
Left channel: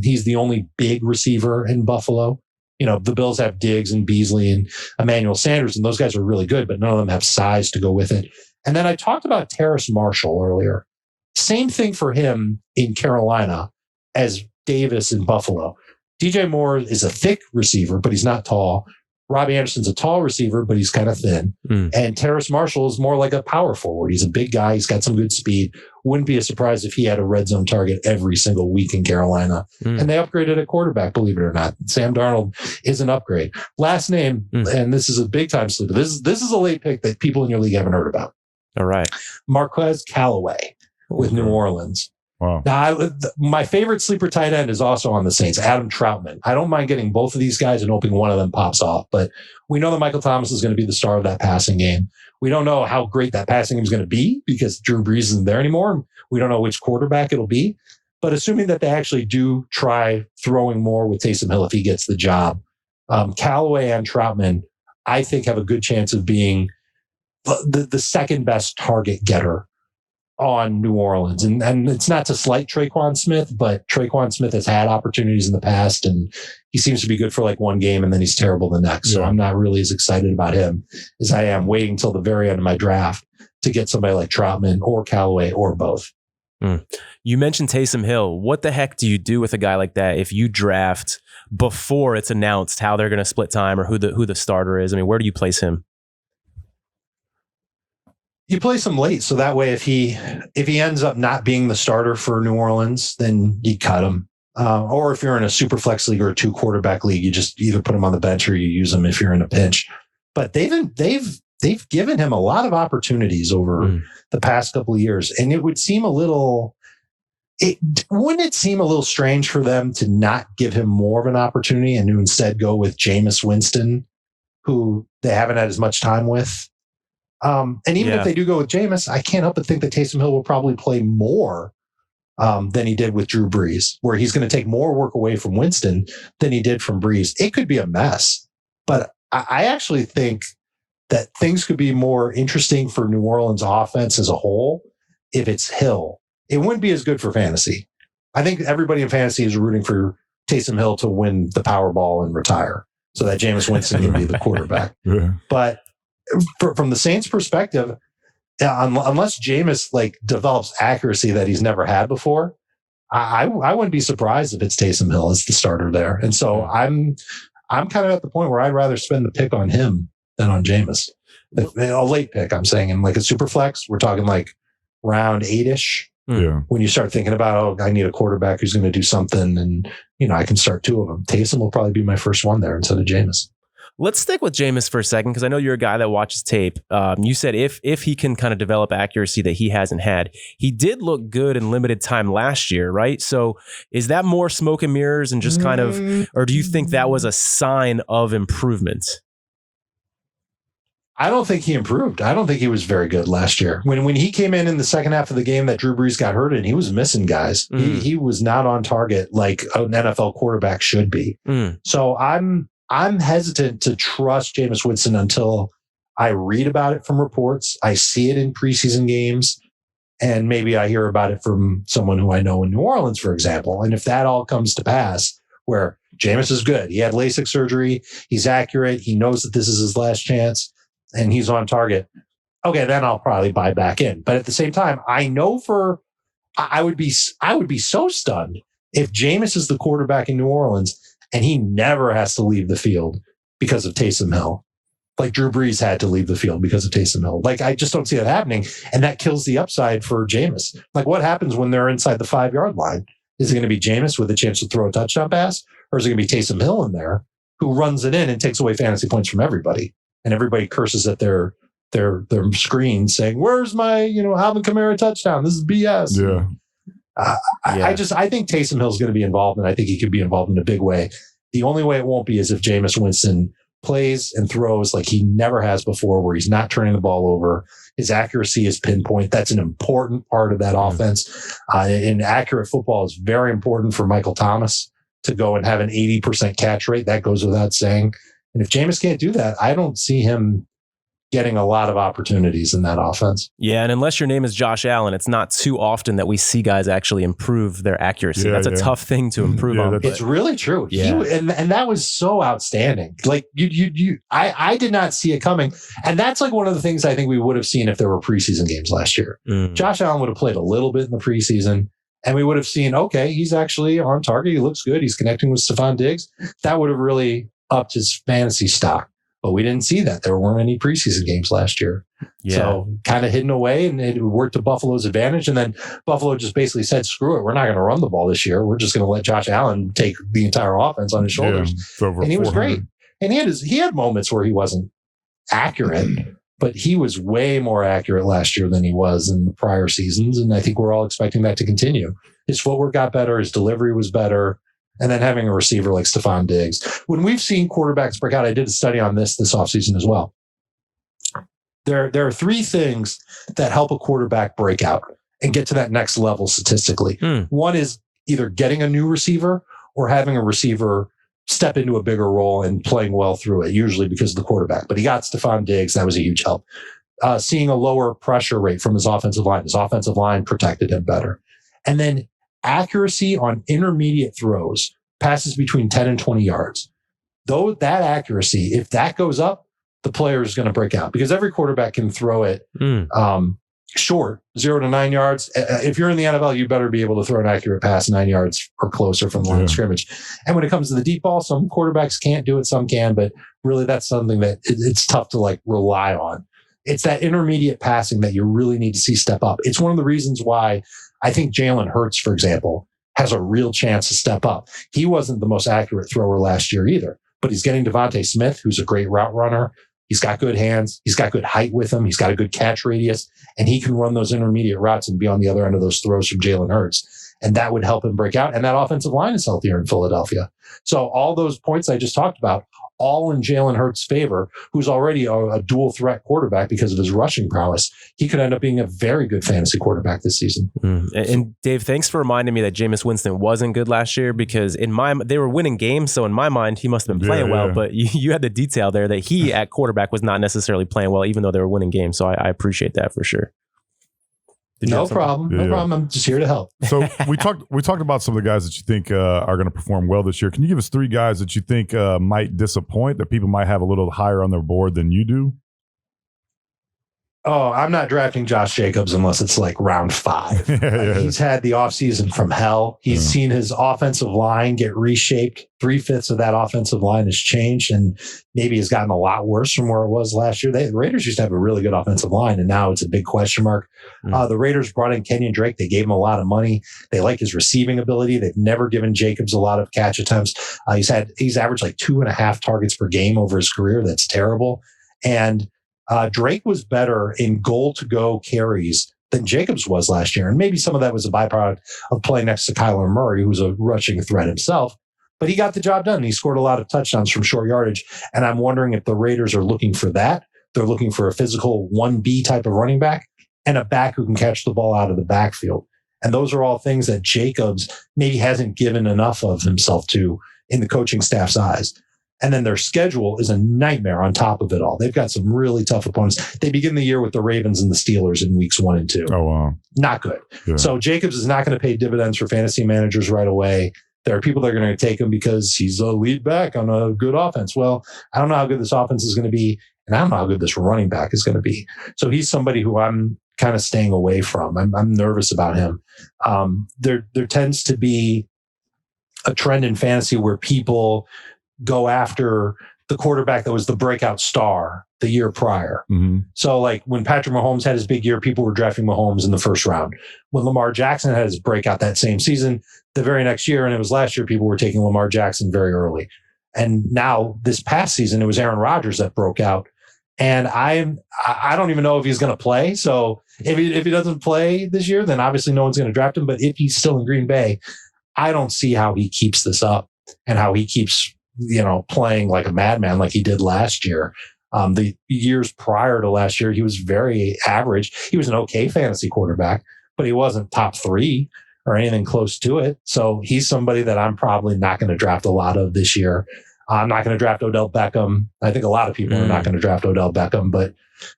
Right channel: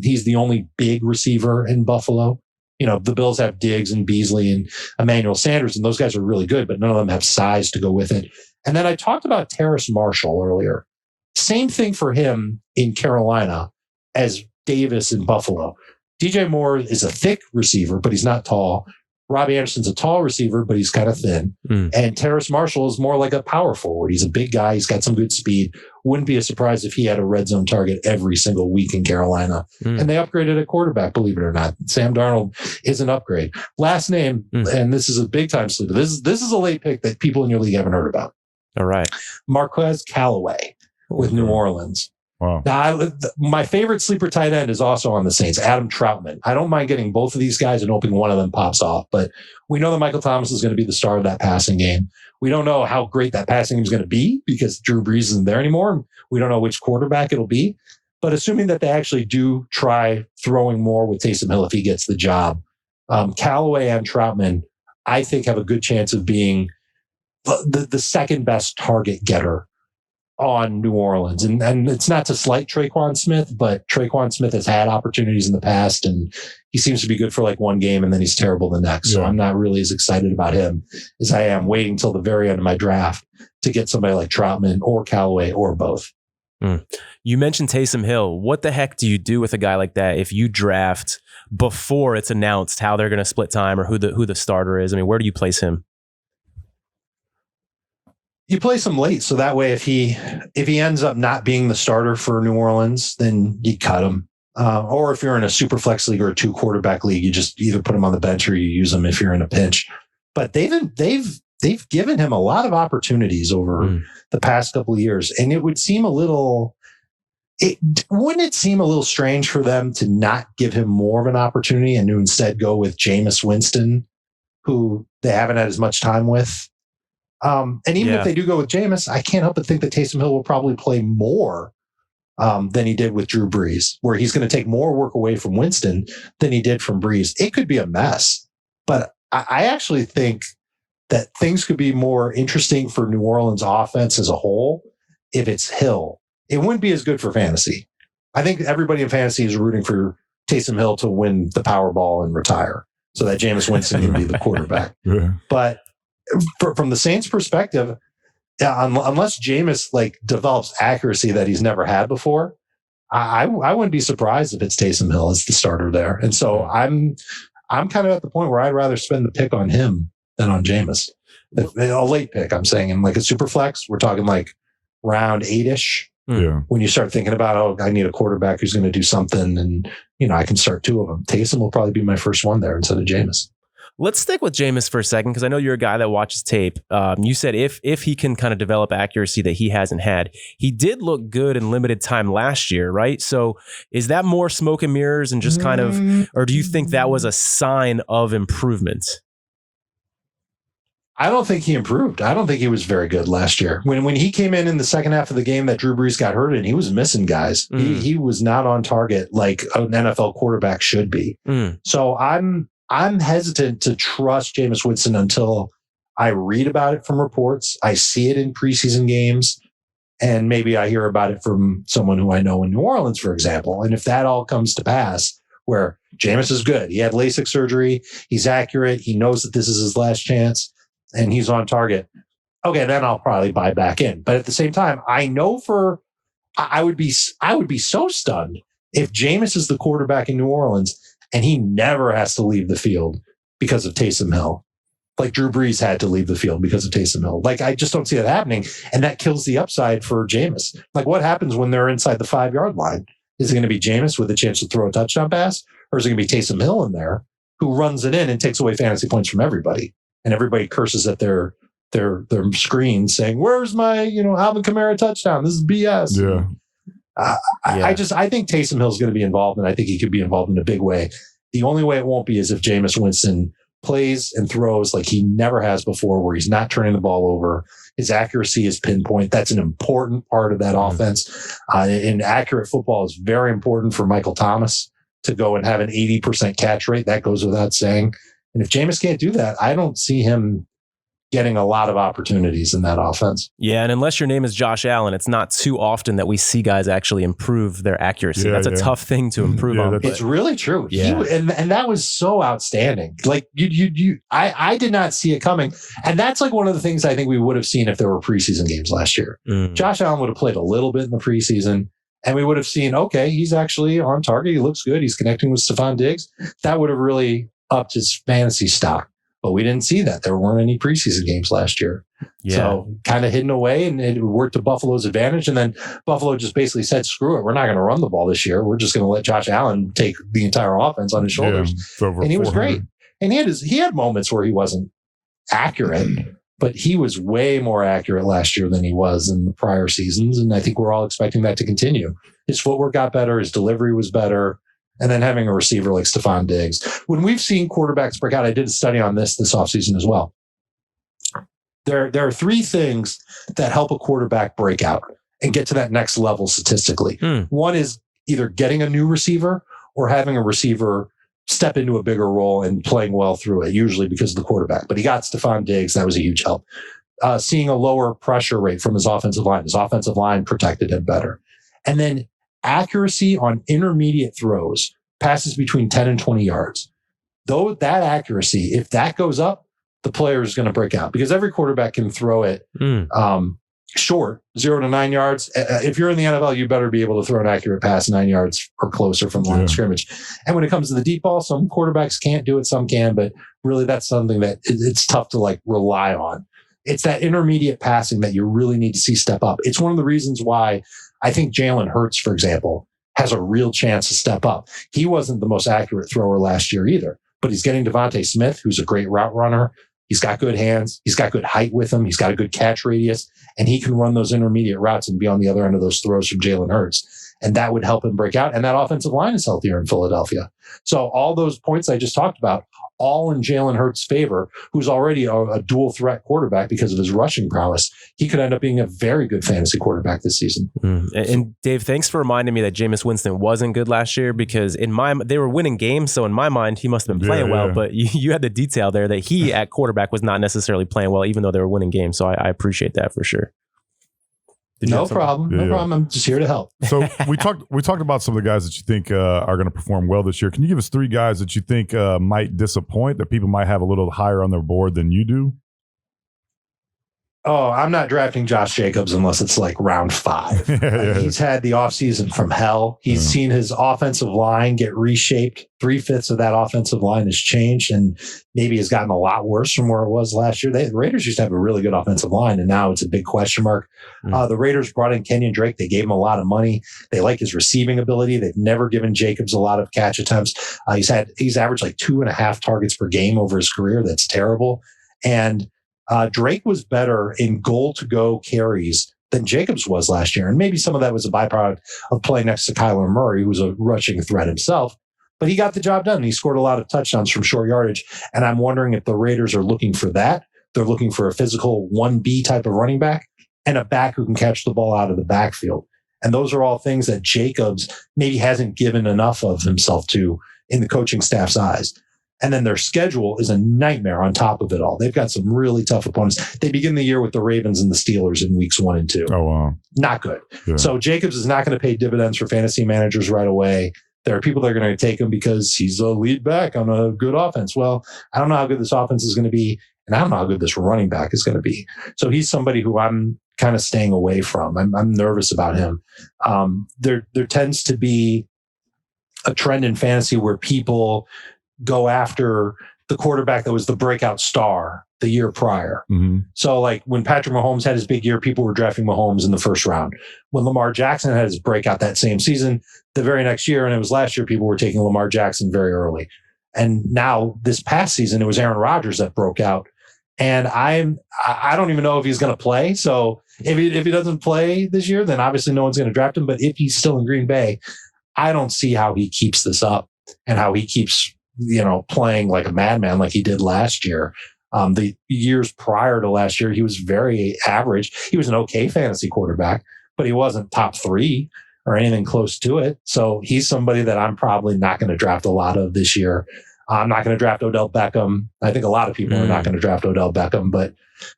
He's the only big receiver in Buffalo. You know, the Bills have Diggs and Beasley and Emmanuel Sanders, and those guys are really good, but none of them have size to go with it. And then I talked about Terrace Marshall earlier. Same thing for him in Carolina as Davis in Buffalo. DJ Moore is a thick receiver, but he's not tall. Robbie Anderson's a tall receiver, but he's kind of thin. And Terrace Marshall is more like a power forward. He's a big guy. He's got some good speed. Wouldn't be a surprise if he had a red zone target every single week in Carolina. And they upgraded at quarterback, believe it or not. Sam Darnold is an upgrade. Last name, and this is a big time sleeper. This is a late pick that people in your league haven't heard about. All right. Marquez Callaway with New Orleans. Wow. Now, my favorite sleeper tight end is also on the Saints, Adam Troutman. I don't mind getting both of these guys and hoping one of them pops off, but we know that Michael Thomas is going to be the star of that passing game. We don't know how great that passing game is going to be because Drew Brees isn't there anymore. We don't know which quarterback it'll be, but assuming that they actually do try throwing more with Taysom Hill if he gets the job, Callaway and Troutman, I think, have a good chance of being the second best target getter on New Orleans. And it's not to slight Traquan Smith, but Traquan Smith has had opportunities in the past and he seems to be good for like one game and then he's terrible the next. So I'm not really as excited about him as I am waiting till the very end of my draft to get somebody like Troutman or Callaway or both. You mentioned Taysom Hill. What the heck do you do with a guy like that if you draft before it's announced how they're going to split time or who the starter is? I mean, where do you place him? You place him late, so that way if he ends up not being the starter for New Orleans, then you cut him. Or if you're in a super flex league or a 2 quarterback league, you just either put him on the bench or you use him if you're in a pinch. But they've given him a lot of opportunities over the past couple of years, and it would seem a little Wouldn't it seem a little strange for them to not give him more of an opportunity and to instead go with Jameis Winston, who they haven't had as much time with? And even if they do go with Jameis, I can't help but think that Taysom Hill will probably play more than he did with Drew Brees, where he's going to take more work away from Winston than he did from Brees. It could be a mess, but I actually think that things could be more interesting for New Orleans offense as a whole if it's Hill. It wouldn't be as good for fantasy. I think everybody in fantasy is rooting for Taysom Hill to win the Powerball and retire so that Jameis Winston would be the quarterback. Yeah. But from the Saints' perspective, unless Jameis develops accuracy that he's never had before, I wouldn't be surprised if it's Taysom Hill as the starter there. And so I'm kind of at the point where I'd rather spend the pick on him than on Jameis. A late pick, I'm saying, in a super flex, we're talking round 8-ish. Yeah. When you start thinking about, I need a quarterback who's going to do something, and I can start 2 of them. Taysom will probably be my first one there instead of Jameis. Let's stick with Jameis for a second, because I know you're a guy that watches tape. You said if he can kind of develop accuracy that he hasn't had, he did look good in limited time last year, right? So is that more smoke and mirrors and just kind of, or do you think that was a sign of improvement? I don't think he improved. I don't think he was very good last year. When he came in the second half of the game that Drew Brees got hurt in, he was missing guys. He was not on target like an NFL quarterback should be. So I'm hesitant to trust Jameis Winston until I read about it from reports. I see it in preseason games, and maybe I hear about it from someone who I know in New Orleans, for example. And if that all comes to pass, where Jameis is good, he had LASIK surgery, he's accurate, he knows that this is his last chance, and he's on target, okay, then I'll probably buy back in. But at the same time, I know I would be so stunned if Jameis is the quarterback in New Orleans and he never has to leave the field because of Taysom Hill, like Drew Brees had to leave the field because of Taysom Hill. I just don't see that happening, and that kills the upside for Jameis. What happens when they're inside the 5-yard line? Is it going to be Jameis with a chance to throw a touchdown pass, or is it going to be Taysom Hill in there who runs it in and takes away fantasy points from everybody? And everybody curses at their screen saying, "Where's my Alvin Kamara touchdown? This is BS." Yeah. I think Taysom Hill is going to be involved, and I think he could be involved in a big way. The only way it won't be is if Jameis Winston plays and throws like he never has before, where he's not turning the ball over. His accuracy is pinpoint. That's an important part of that offense. In accurate football is very important for Michael Thomas to go and have an 80% catch rate. That goes without saying. And if Jameis can't do that, I don't see him getting a lot of opportunities in that offense. Yeah, and unless your name is Josh Allen, it's not too often that we see guys actually improve their accuracy. Yeah, that's a tough thing to improve on. It's really true. Yeah. And that was so outstanding. I did not see it coming. And that's one of the things I think we would have seen if there were preseason games last year. Josh Allen would have played a little bit in the preseason, and we would have seen, okay, he's actually on target. He looks good. He's connecting with Stephon Diggs. That would have really upped his fantasy stock. But we didn't see that. There weren't any preseason games last year. Yeah. So kind of hidden away, and it worked to Buffalo's advantage. And then Buffalo just basically said, screw it. We're not going to run the ball this year. We're just going to let Josh Allen take the entire offense on his shoulders. Yeah, and he was great. And he had moments where he wasn't accurate, but he was way more accurate last year than he was in the prior seasons. And I think we're all expecting that to continue. His footwork got better. His delivery was better. And then having a receiver like Stephon Diggs. When we've seen quarterbacks break out, I did a study on this offseason as well. There are 3 things that help a quarterback break out and get to that next level statistically. One is either getting a new receiver or having a receiver step into a bigger role and playing well through it, usually because of the quarterback. But he got Stephon Diggs. That was a huge help. Seeing a lower pressure rate from his offensive line. His offensive line protected him better. And then accuracy on intermediate throws, passes between 10 and 20 yards. Though that accuracy, if that goes up, the player is going to break out, because every quarterback can throw it short, 0 to 9 yards. If you're in the NFL, you better be able to throw an accurate pass 9 yards or closer from the line of scrimmage. And when it comes to the deep ball, some quarterbacks can't do it, some can, but really that's something that it's tough to rely on. It's that intermediate passing that you really need to see step up. It's one of the reasons why I think Jalen Hurts, for example, has a real chance to step up. He wasn't the most accurate thrower last year either, but he's getting Devontae Smith, who's a great route runner. He's got good hands. He's got good height with him. He's got a good catch radius, and he can run those intermediate routes and be on the other end of those throws from Jalen Hurts. and that would help him break out. And that offensive line is healthier in Philadelphia. So all those points I just talked about, all in Jalen Hurts' favor, who's already a dual threat quarterback because of his rushing prowess. He could end up being a very good fantasy quarterback this season. And Dave, thanks for reminding me that Jameis Winston wasn't good last year, because they were winning games. So in my mind, he must have been playing well, but you had the detail there that he at quarterback was not necessarily playing well, even though they were winning games. So I appreciate that for sure. No problem. No problem. I'm just here to help. So we talked about some of the guys that you think are going to perform well this year. Can you give us 3 guys that you think might disappoint, that people might have a little higher on their board than you do? Oh, I'm not drafting Josh Jacobs unless it's like round 5. He's had the offseason from hell. He's seen his offensive line get reshaped. 3/5 of that offensive line has changed and maybe has gotten a lot worse from where it was last year. The Raiders used to have a really good offensive line, and now it's a big question mark. The Raiders brought in Kenyon Drake. They gave him a lot of money. They like his receiving ability. They've never given Jacobs a lot of catch attempts. He's averaged like 2.5 targets per game over his career. That's terrible. And Drake was better in goal-to-go carries than Jacobs was last year. And maybe some of that was a byproduct of playing next to Kyler Murray, who was a rushing threat himself. But he got the job done. He scored a lot of touchdowns from short yardage. And I'm wondering if the Raiders are looking for that. They're looking for a physical 1B type of running back and a back who can catch the ball out of the backfield. And those are all things that Jacobs maybe hasn't given enough of himself to in the coaching staff's eyes. And then their schedule is a nightmare on top of it all. They've got some really tough opponents. They begin the year with the Ravens and the Steelers in weeks 1 and 2. Oh, wow. Not good. Yeah. So Jacobs is not going to pay dividends for fantasy managers right away. There are people that are going to take him because he's a lead back on a good offense. Well, I don't know how good this offense is going to be, and I don't know how good this running back is going to be. So he's somebody who I'm kind of staying away from. I'm nervous about him. There tends to be a trend in fantasy where people go after the quarterback that was the breakout star the year prior. So like when Patrick Mahomes had his big year, people were drafting Mahomes in the first round. When Lamar Jackson had his breakout that same season, the very next year, and it was last year, people were taking Lamar Jackson very early. And now this past season, it was Aaron Rodgers that broke out. And I don't even know if he's going to play. So if he doesn't play this year, then obviously no one's going to draft him. But if he's still in Green Bay, I don't see how he keeps this up and how he keeps playing like a madman like he did last year. The years prior to last year, he was very average. He was an okay fantasy quarterback, but he wasn't top 3 or anything close to it. So he's somebody that I'm probably not going to draft a lot of this year. I'm not going to draft Odell Beckham. I think a lot of people are not going to draft Odell Beckham, but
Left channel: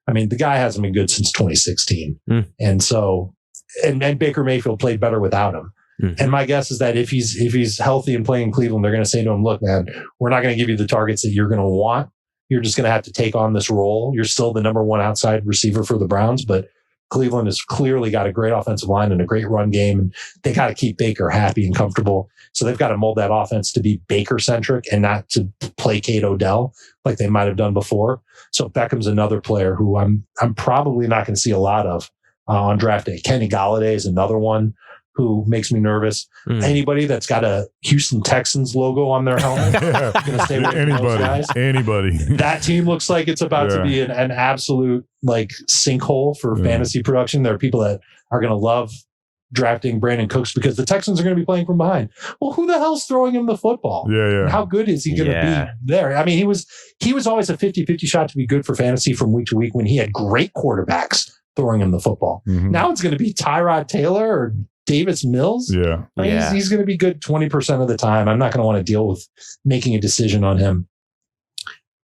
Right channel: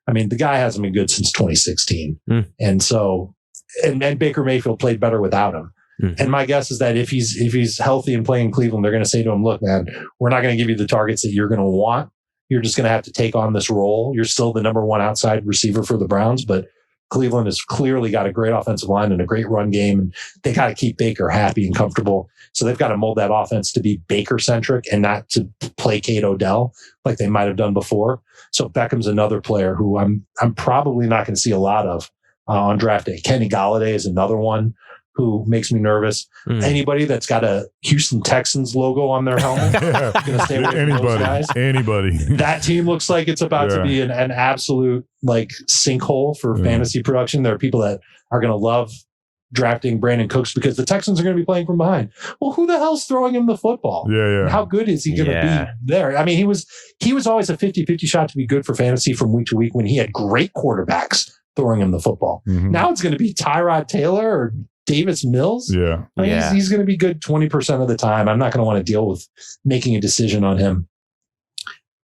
I mean, the guy hasn't been good since 2016. And so, and Baker Mayfield played better without him. And my guess is that if he's healthy and playing in Cleveland, they're going to say to him, look, man, we're not going to give you the targets that you're going to want. You're just going to have to take on this role. You're still the number 1 outside receiver for the Browns, but Cleveland has clearly got a great offensive line and a great run game, and they got to keep Baker happy and comfortable. So they've got to mold that offense to be Baker-centric and not to placate Odell like they might have done before. So Beckham's another player who I'm probably not going to see a lot of on draft day. Kenny Golladay is another one who makes me nervous. Anybody that's got a Houston Texans logo on their helmet. Anybody. That team looks like it's about to be an absolute like sinkhole for fantasy production. There are people that are going to love drafting Brandon Cooks because the Texans are going to be playing from behind. Well, who the hell's throwing him the football? And how good is he going to be there? I mean, he was always a 50-50 shot to be good for fantasy from week to week when he had great quarterbacks throwing him the football. Now it's going to be Tyrod Taylor or Davis Mills. He's going to be good 20% of the time. I'm not going to want to deal with making a decision on him.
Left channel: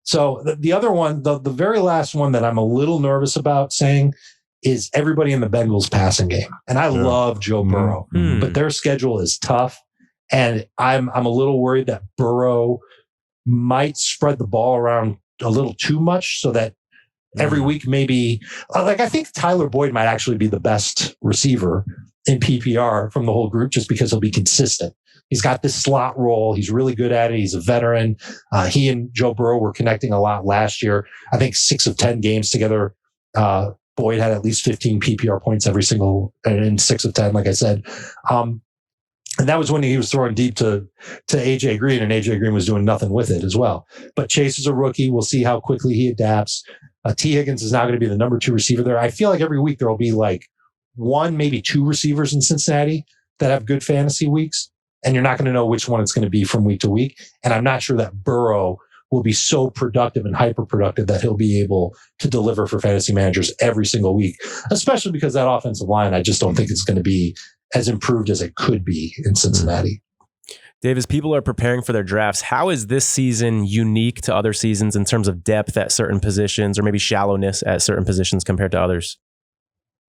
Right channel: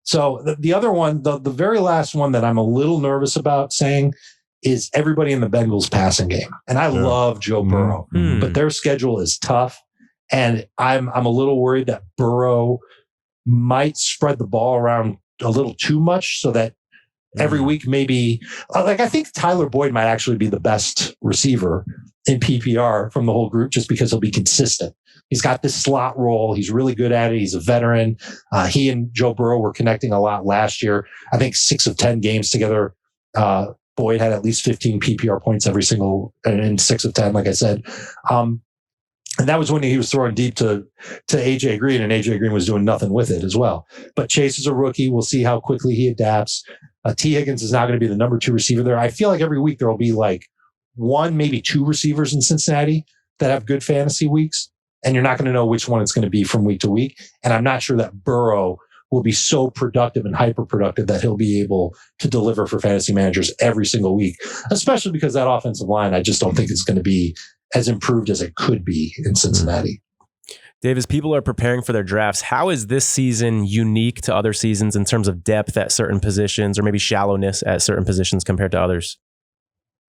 So the other one, the very last one that I'm a little nervous about saying is everybody in the Bengals passing game. And I love Joe Burrow, but their schedule is tough. And I'm a little worried that Burrow might spread the ball around a little too much so that every week, maybe like I think Tyler Boyd might actually be the best receiver in PPR from the whole group just because he'll be consistent. He's got this slot role. He's really good at it. He's a veteran. He and Joe Burrow were connecting a lot last year. I think 6 of 10 games together. Boyd had at least 15 PPR points every single in 6 of 10, like I said. And that was when he was throwing deep to AJ Green, and AJ Green was doing nothing with it as well. But Chase is a rookie. We'll see how quickly he adapts. T. Higgins is now going to be the number 2 receiver there. I feel like every week there will be like 1, maybe 2 receivers in Cincinnati that have good fantasy weeks, and you're not going to know which one it's going to be from week to week. And I'm not sure that Burrow will be so productive and hyper productive that he'll be able to deliver for fantasy managers every single week, especially because that offensive line, I just don't think it's going to be as improved as it could be in Cincinnati. Dave, as people are preparing for their drafts, how is this season unique to other seasons in terms of depth at certain positions or maybe shallowness at certain positions compared to others?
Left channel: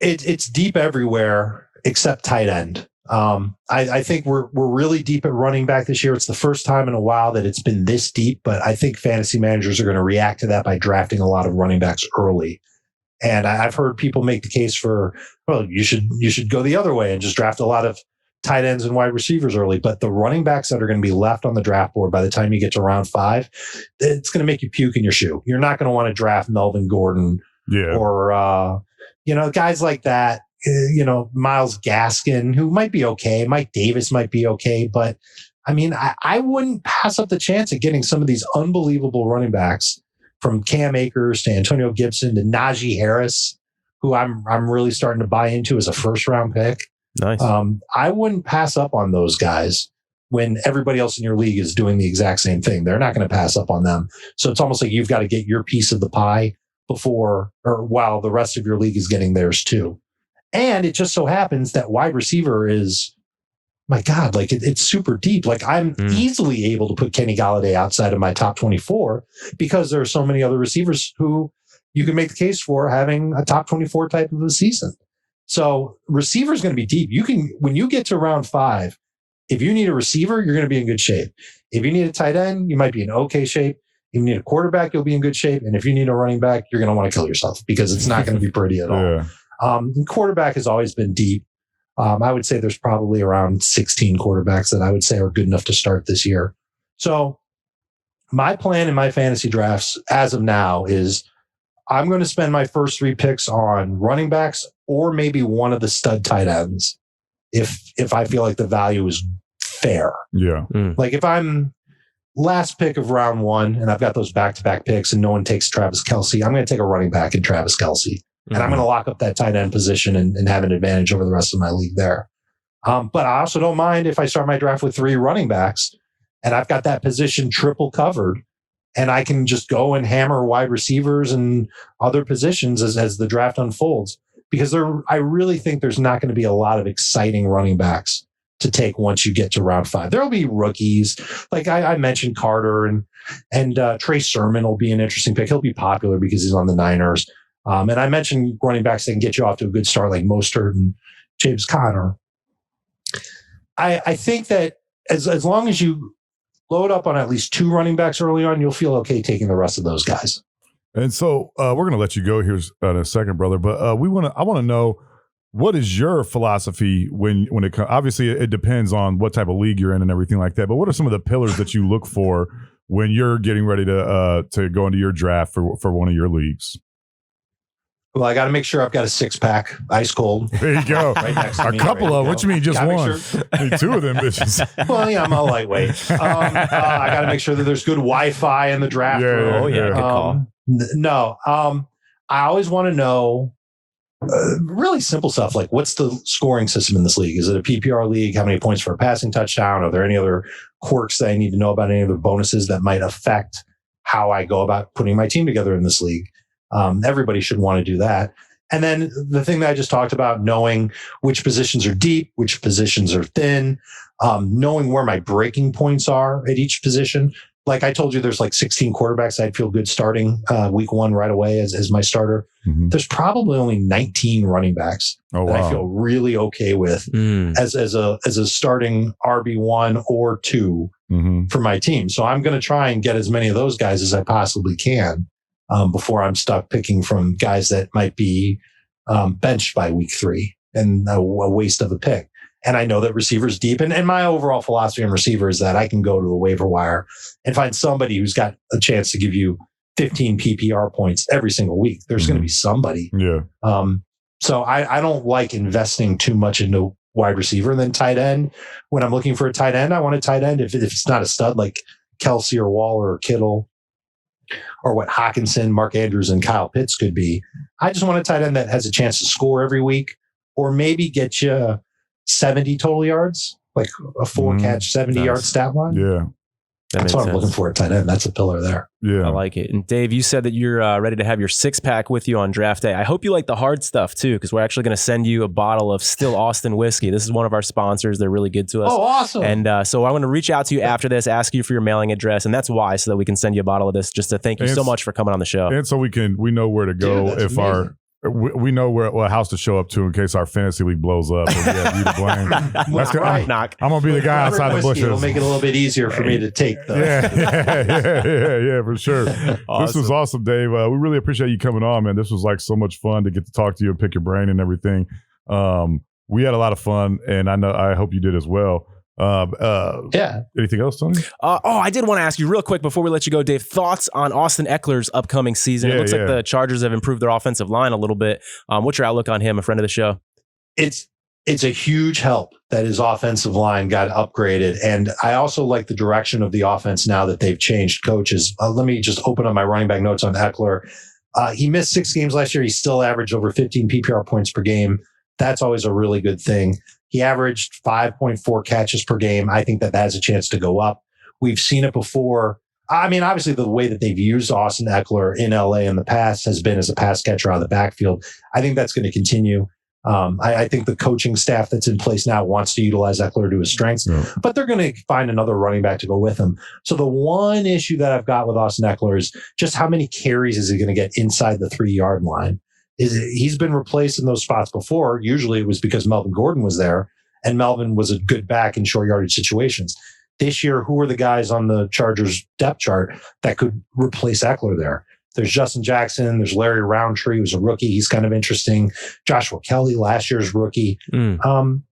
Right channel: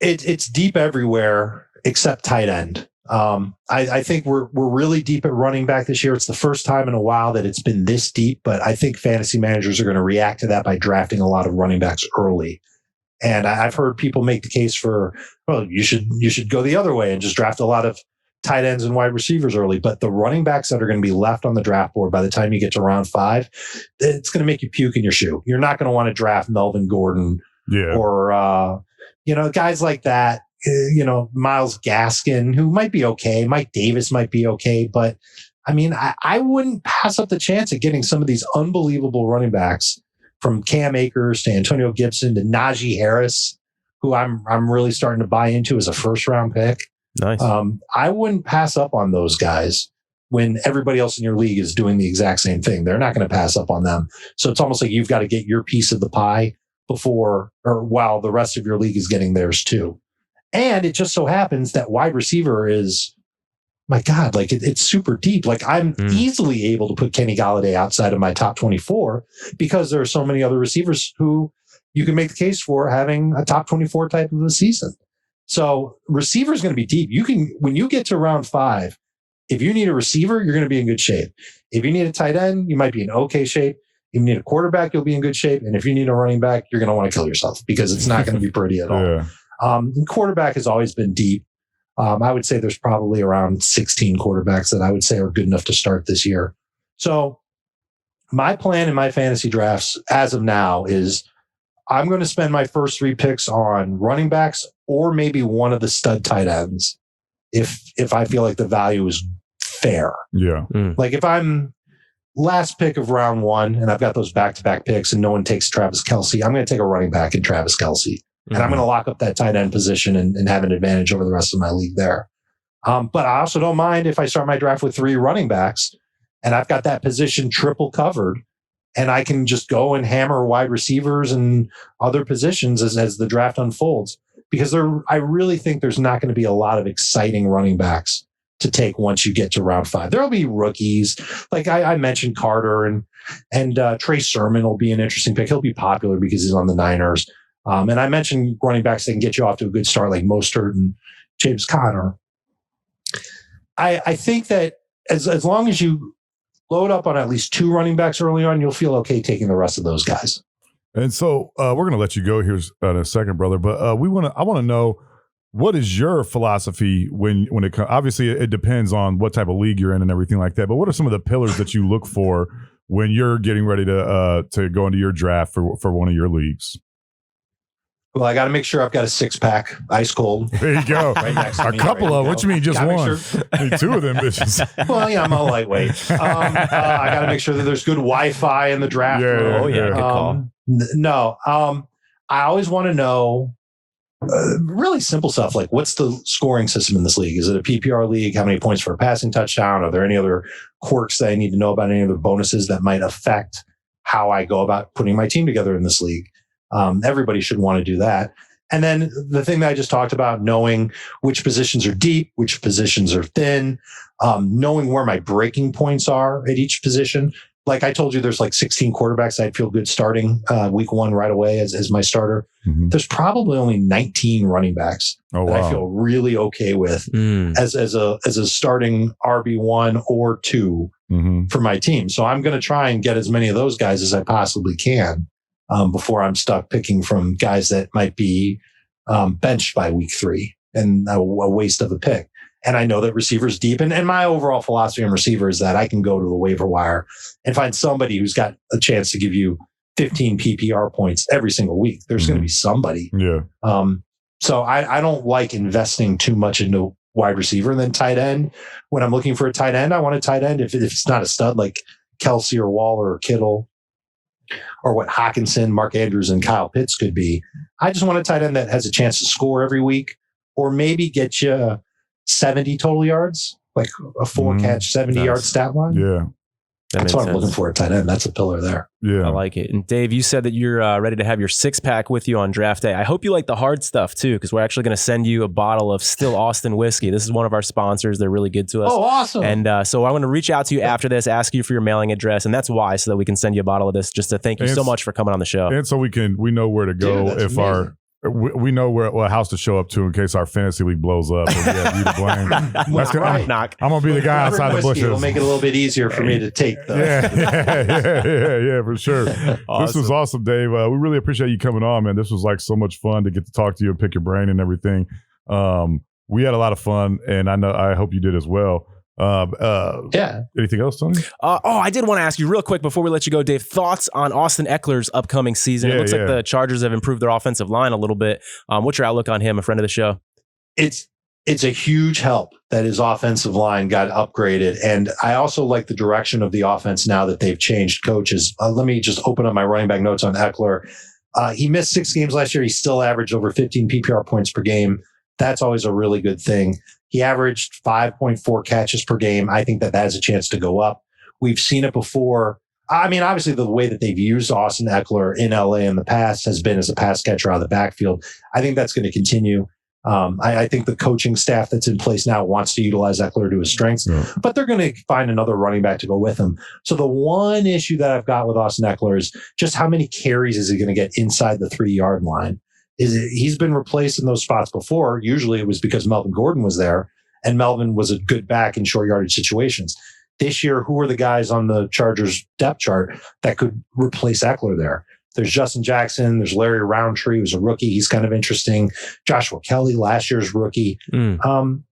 It's deep everywhere except tight end. I think we're really deep at running back this year. It's the first time in a while that it's been this deep, but I think fantasy managers are going to react to that by drafting a lot of running backs early. And I've heard people make the case for, well, you should go the other way and just draft a lot of tight ends and wide receivers early. But the running backs that are going to be left on the draft board by the time you get to round 5, it's going to make you puke in your shoe. You're not going to want to draft Melvin Gordon or, guys like that. Myles Gaskin, who might be okay. Mike Davis might be okay. But I mean, I wouldn't pass up the chance of getting some of these unbelievable running backs, from Cam Akers to Antonio Gibson to Najee Harris, who I'm really starting to buy into as a first round pick. Nice. I wouldn't pass up on those guys when everybody else in your league is doing the exact same thing. They're not going to pass up on them. So it's almost like you've got to get your piece of the pie while the rest of your league is getting theirs too. And it just so happens that wide receiver is, my God, like it's super deep. Like I'm easily able to put Kenny Galladay outside of my top 24 because there are so many other receivers who you can make the case for having a top 24 type of a season. So receiver is going to be deep. When you get to round 5, if you need a receiver, you're going to be in good shape. If you need a tight end, you might be in okay shape. If you need a quarterback, you'll be in good shape. And if you need a running back, you're going to want to kill yourself because it's not going to be pretty at all. Yeah. And quarterback has always been deep. I would say there's probably around 16 quarterbacks that I would say are good enough to start this year. So my plan in my fantasy drafts as of now is I'm going to spend my first 3 picks on running backs or maybe one of the stud tight ends if I feel like the value is fair. Yeah. Like if I'm last pick of round 1 and I've got those back-to-back picks and no one takes Travis Kelce, I'm going to take a running back in Travis Kelce. And I'm going to lock up that tight end position and have an advantage over the rest of my league there. But I also don't mind if I start my draft with 3 running backs and I've got that position triple covered and I can just go and hammer wide receivers and other positions as the draft unfolds. Because I really think there's not going to be a lot of exciting running backs to take once you get to round 5. There'll be rookies. Like I mentioned Carter and Trey Sermon will be an interesting pick. He'll be popular because he's on the Niners. And I mentioned running backs that can get you off to a good start, like Mostert and James Conner. I think that as long as you load up on at least 2 running backs early on, you'll feel okay taking the rest of those guys. And so we're going to let you go here in a second, brother. But I want to know, what is your philosophy when it comes? Obviously, it depends on what type of league you're in and everything like that. But what are some of the pillars that you look for when you're getting ready to go into your draft for one of your leagues? Well, I got to make sure I've got a 6-pack, ice cold. There you go. Right next to A me couple of, what you mean, just one? Need 2 of them bitches. Well, yeah, I'm a lightweight. I got to make sure that there's good Wi-Fi in the draft room. Oh, yeah, good call. I always want to know really simple stuff like what's the scoring system in this league? Is it a PPR league? How many points for a passing touchdown? Are there any other quirks that I need to know about, any other bonuses that might affect how I go about putting my team together in this league? Everybody should want to do that. And then the thing that I just talked about, knowing which positions are deep, which positions are thin, knowing where my breaking points are at each position. Like I told you, there's like 16 quarterbacks I'd feel good starting week 1 right away as my starter. Mm-hmm. There's probably only 19 running backs that I feel really okay with as a starting RB1 or 2 for my team. So I'm going to try and get as many of those guys as I possibly can before I'm stuck picking from guys that might be benched by week 3 and a waste of a pick. And I know that receivers deep. And my overall philosophy on receiver is that I can go to the waiver wire and find somebody who's got a chance to give you 15 PPR points every single week. There's going to be somebody. Yeah. So I don't like investing too much into wide receiver. And then tight end, when I'm looking for a tight end, I want a tight end. If it's not a stud like Kelce or Waller or Kittle or what Hawkinson, Mark Andrews, and Kyle Pitts could be, I just want a tight end that has a chance to score every week or maybe get you 70 total yards, like a 4-catch, 70-yard stat line. Yeah. That's what I'm looking for at tight end. That's a pillar there. Yeah. I like it. And Dave, you said that you're ready to have your 6-pack with you on draft day. I hope you like the hard stuff too, because we're actually going to send you a bottle of Still Austin whiskey. This is one of our sponsors. They're really good to us. Oh, awesome. And so I want to reach out to you after this, ask you for your mailing address. And that's why, so that we can send you a bottle of this, just to thank you so much for coming on the show. And so we know where to go. Dude, if amazing. We know what house to show up to in case our fantasy league blows up. And we have you to blame. I'm gonna be the guy outside the bushes. It'll make it a little bit easier for me to take. Yeah, for sure. Awesome. This was awesome, Dave. We really appreciate you coming on, man. This was like so much fun to get to talk to you and pick your brain and everything. We had a lot of fun, and I hope you did as well. Yeah. Anything else, Tony? I did want to ask you real quick before we let you go, Dave, thoughts on Austin Eckler's upcoming season. It looks like the Chargers have improved their offensive line a little bit. What's your outlook on him, a friend of the show? It's a huge help that his offensive line got upgraded. And I also like the direction of the offense now that they've changed coaches. Let me just open up my running back notes on Eckler. He missed 6 games last year. He still averaged over 15 PPR points per game. That's always a really good thing. He averaged 5.4 catches per game. I think that has a chance to go up. We've seen it before. I mean, obviously, the way that they've used Austin Eckler in LA in the past has been as a pass catcher out of the backfield. I think that's going to continue. I think the coaching staff that's in place now wants to utilize Eckler to his strengths, but they're going to find another running back to go with him. So the one issue that I've got with Austin Eckler is just how many carries is he going to get inside the 3-yard line? He's been replaced in those spots before. Usually it was because Melvin Gordon was there, and Melvin was a good back in short yardage situations. This year, who are the guys on the Chargers depth chart that could replace Eckler there? There's Justin Jackson. There's Larry Roundtree, who's a rookie. He's kind of interesting. Joshua Kelly, last year's rookie. I'm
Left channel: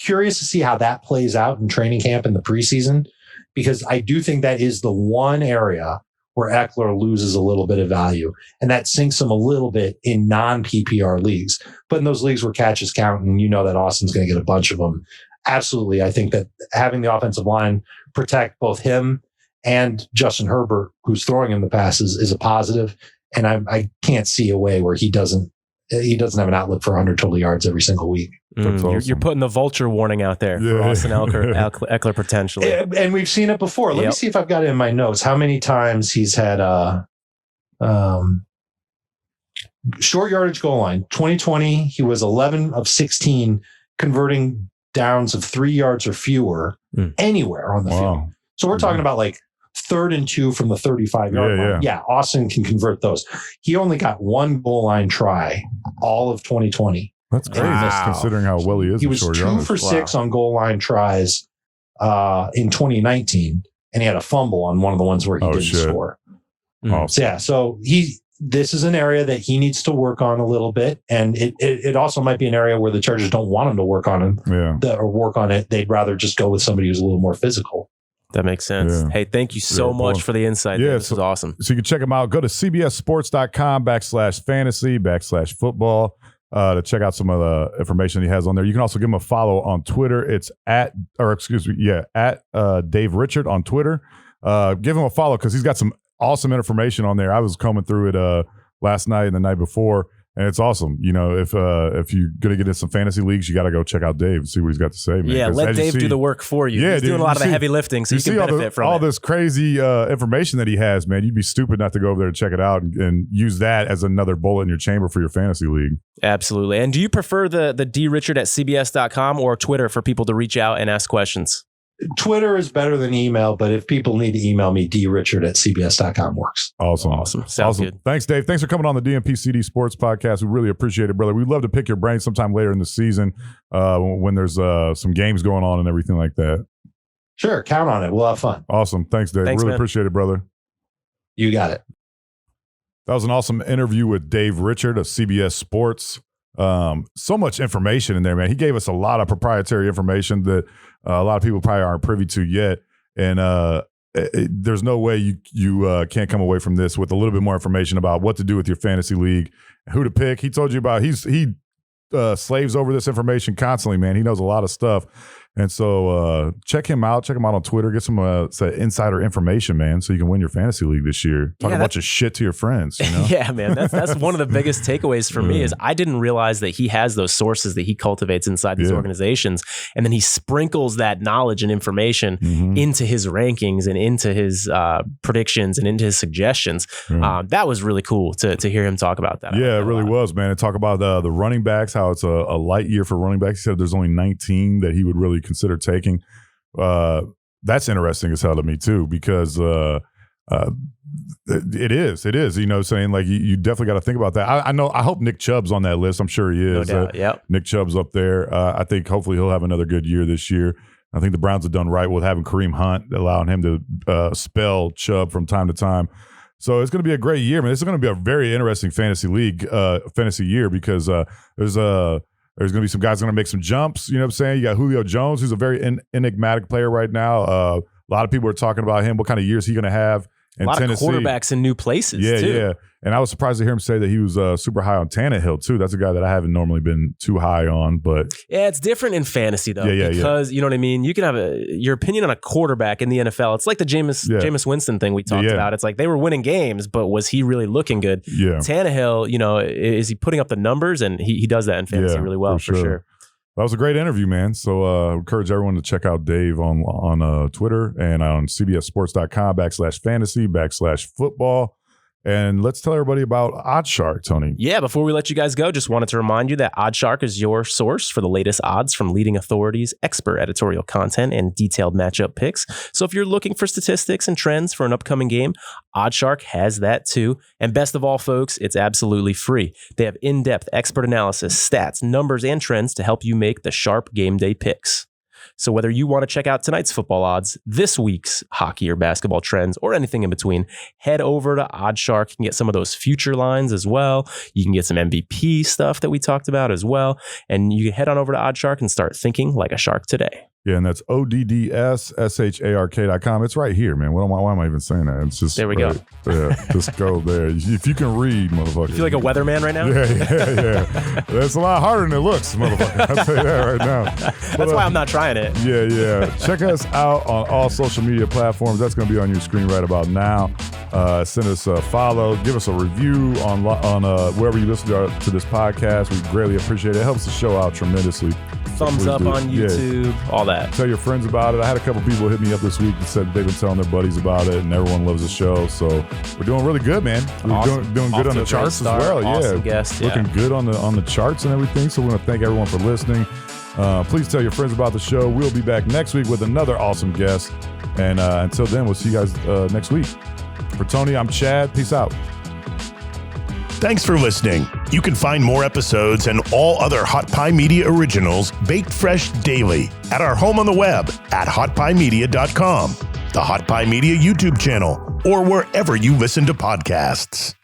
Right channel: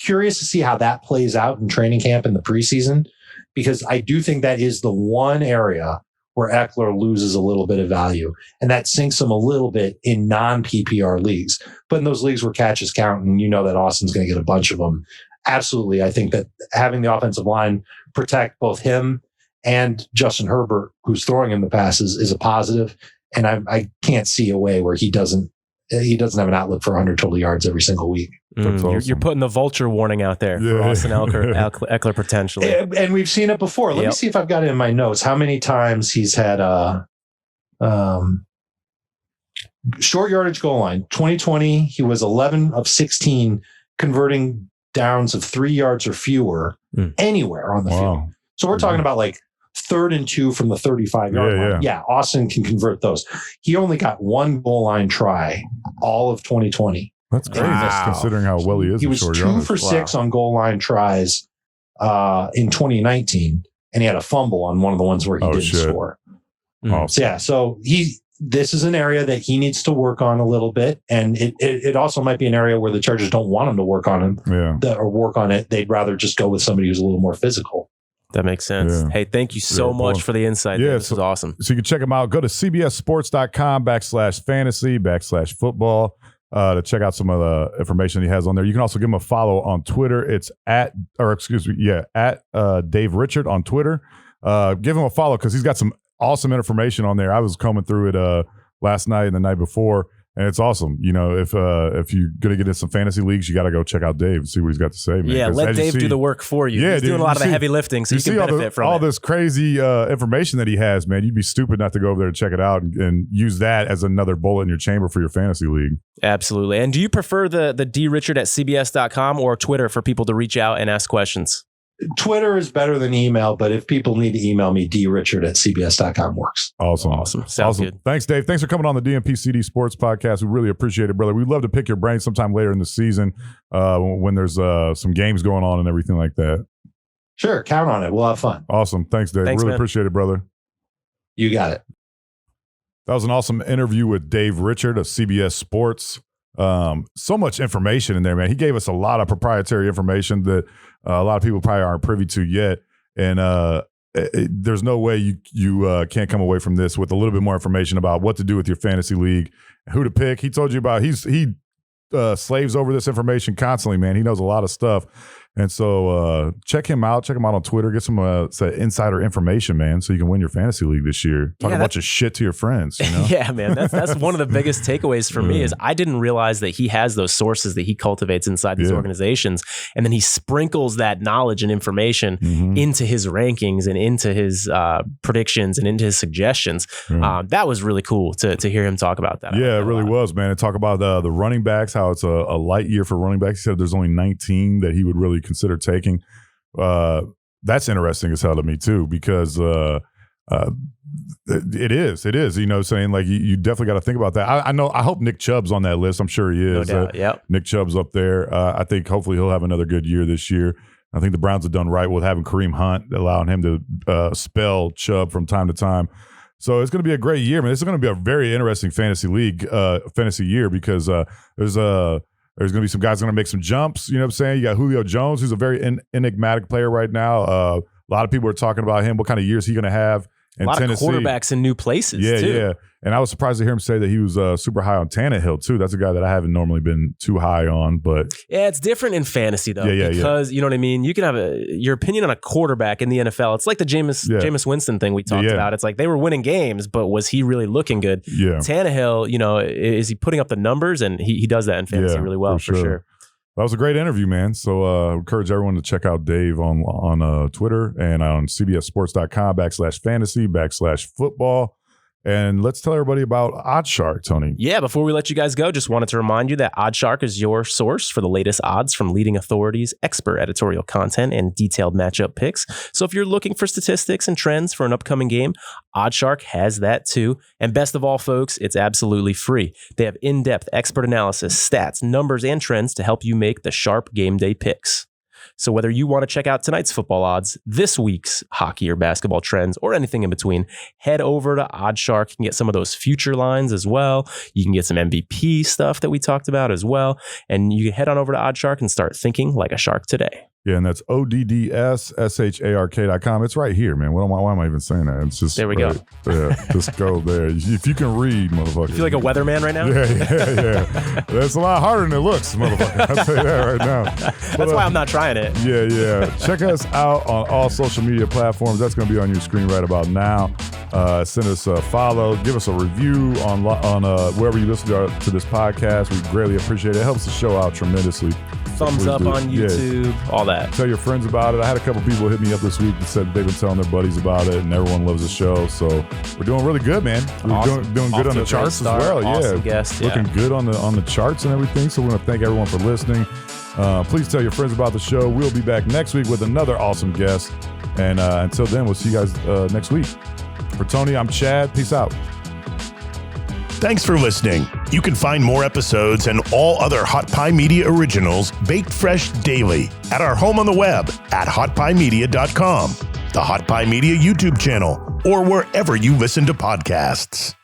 curious to see how that plays out in training camp in the preseason, because I do think that is the one area where Eckler loses a little bit of value, and that sinks him a little bit in non-PPR leagues. But in those leagues where catches count, and you know that Austin's going to get a bunch of them, absolutely. I think that having the offensive line protect both him and Justin Herbert, who's throwing him the passes, is a positive. And I can't see a way where he doesn't have an outlook for 100 total yards every single week. Awesome. You're putting the vulture warning out there for Austin Eckler potentially. And we've seen it before. Let me see if I've got it in my notes. How many times he's had short yardage goal line. 2020, he was 11 of 16 converting downs of 3 yards or fewer anywhere on the field. So we're talking about like 3rd and 2 from the 35-yard line. Yeah, Austin can convert those. He only got 1 goal line try all of 2020. That's crazy, considering how well he is. He was 2 for 6 on goal line tries in 2019, and he had a fumble on one of the ones where he didn't score. Awesome. So this is an area that he needs to work on a little bit, and it also might be an area where the Chargers don't want him to work on him or work on it. They'd rather just go with somebody who's a little more physical. That makes sense. Yeah. Hey, thank you so much for the insight. Yeah, this was awesome. So you can check them out. Go to cbssports.com/fantasy/football to check out some of the information he has on there. You can also give him a follow on Twitter. It's at Dave Richard on Twitter. Give him a follow because he's got some awesome information on there. I was combing through it last night and the night before, and it's awesome. You know, if you're gonna get in some fantasy leagues, you got to go check out Dave and see what he's got to say, man. Yeah, let Dave do the work for you. Yeah, he's doing a lot of the heavy lifting, so you can benefit from all this crazy information that he has, man. You'd be stupid not to go over there and check it out and use that as another bullet in your chamber for your fantasy league. Absolutely. And do you prefer the drichard@cbs.com or Twitter for people to reach out and ask questions? Twitter is better than email, but if people need to email me, drichard@cbs.com works. Awesome. Sounds good. Thanks, Dave. Thanks for coming on the DNP-CD Sports Podcast. We really appreciate it, brother. We'd love to pick your brain sometime later in the season when there's some games going on and everything like that. Sure. Count on it. We'll have fun. Awesome. Thanks, Dave. Really appreciate it, brother. You got it. That was an awesome interview with Dave Richard of CBS Sports. So much information in there, man. He gave us a lot of proprietary information that a lot of people probably aren't privy to yet. And there's no way you can't come away from this with a little bit more information about what to do with your fantasy league, who to pick. He told you about he slaves over this information constantly, man. He knows a lot of stuff. And so check him out. Check him out on Twitter. Get some insider information, man, so you can win your fantasy league this year. Talk a bunch of shit to your friends. You know? Yeah, man. That's one of the biggest takeaways for me is I didn't realize that he has those sources that he cultivates inside these organizations. And then he sprinkles that knowledge and information into his rankings and into his predictions and into his suggestions. That was really cool to hear him talk about that. Yeah, it really was, man. And talk about the running backs, how it's a light year for running backs. He said there's only 19 that he would really consider taking. That's interesting as hell to me too, because it is, you know, saying like you definitely got to think about that. I hope Nick Chubb's on that list. I'm sure he is. No doubt. Yep. Nick Chubb's up there. I think hopefully he'll have another good year this year. I think the Browns have done right with having Kareem Hunt, allowing him to spell Chubb from time to time. So it's going to be a great year, man. This is going to be a very interesting fantasy year because there's going to be some guys going to make some jumps. You know what I'm saying? You got Julio Jones, who's a very enigmatic player right now. A lot of people are talking about him. What kind of year is he going to have in Tennessee? A lot of quarterbacks in new places, too. Yeah. And I was surprised to hear him say that he was super high on Tannehill, too. That's a guy that I haven't normally been too high on. But yeah, it's different in fantasy, though. Because, you know what I mean? You can have your opinion on a quarterback in the NFL. It's like the Jameis Winston thing we talked about. It's like they were winning games, but was he really looking good? Yeah. Tannehill, you know, is he putting up the numbers? And he does that in fantasy really well, for sure. That was a great interview, man. So I encourage everyone to check out Dave on Twitter and on cbssports.com/fantasy/football. And let's tell everybody about OddsShark, Tony. Yeah, before we let you guys go, just wanted to remind you that OddsShark is your source for the latest odds from leading authorities, expert editorial content, and detailed matchup picks. So if you're looking for statistics and trends for an upcoming game, OddsShark has that too. And best of all, folks, it's absolutely free. They have in-depth expert analysis, stats, numbers, and trends to help you make the sharp game day picks. So whether you want to check out tonight's football odds, this week's hockey or basketball trends, or anything in between, head over to OddsShark. You can get some of those future lines as well. You can get some MVP stuff that we talked about as well. And you can head on over to OddsShark and start thinking like a shark today. Yeah, and that's ODDSSHARK.com. It's right here, man. Why am I even saying that? It's just there we go. Yeah, just go there. If you can read, motherfucker. You feel like a weatherman right now? Yeah. That's a lot harder than it looks, motherfucker. I'll tell you that right now. That's why I'm not trying it. Yeah. Check us out on all social media platforms. That's going to be on your screen right about now. Send us a follow. Give us a review on wherever you listen to this podcast. We greatly appreciate it. It helps the show out tremendously. Thumbs up on YouTube, all that. Tell your friends about it. I had a couple people hit me up this week that said they've been telling their buddies about it, and everyone loves the show. So we're doing really good, man. We're awesome. doing good on the charts as well. Awesome guest, looking good on the charts and everything. So we want to thank everyone for listening. Please tell your friends about the show. We'll be back next week with another awesome guest. And until then, we'll see you guys next week. For Tony, I'm Chad. Peace out. Thanks for listening. You can find more episodes and all other Hot Pie Media originals baked fresh daily at our home on the web at hotpiemedia.com, the Hot Pie Media YouTube channel, or wherever you listen to podcasts.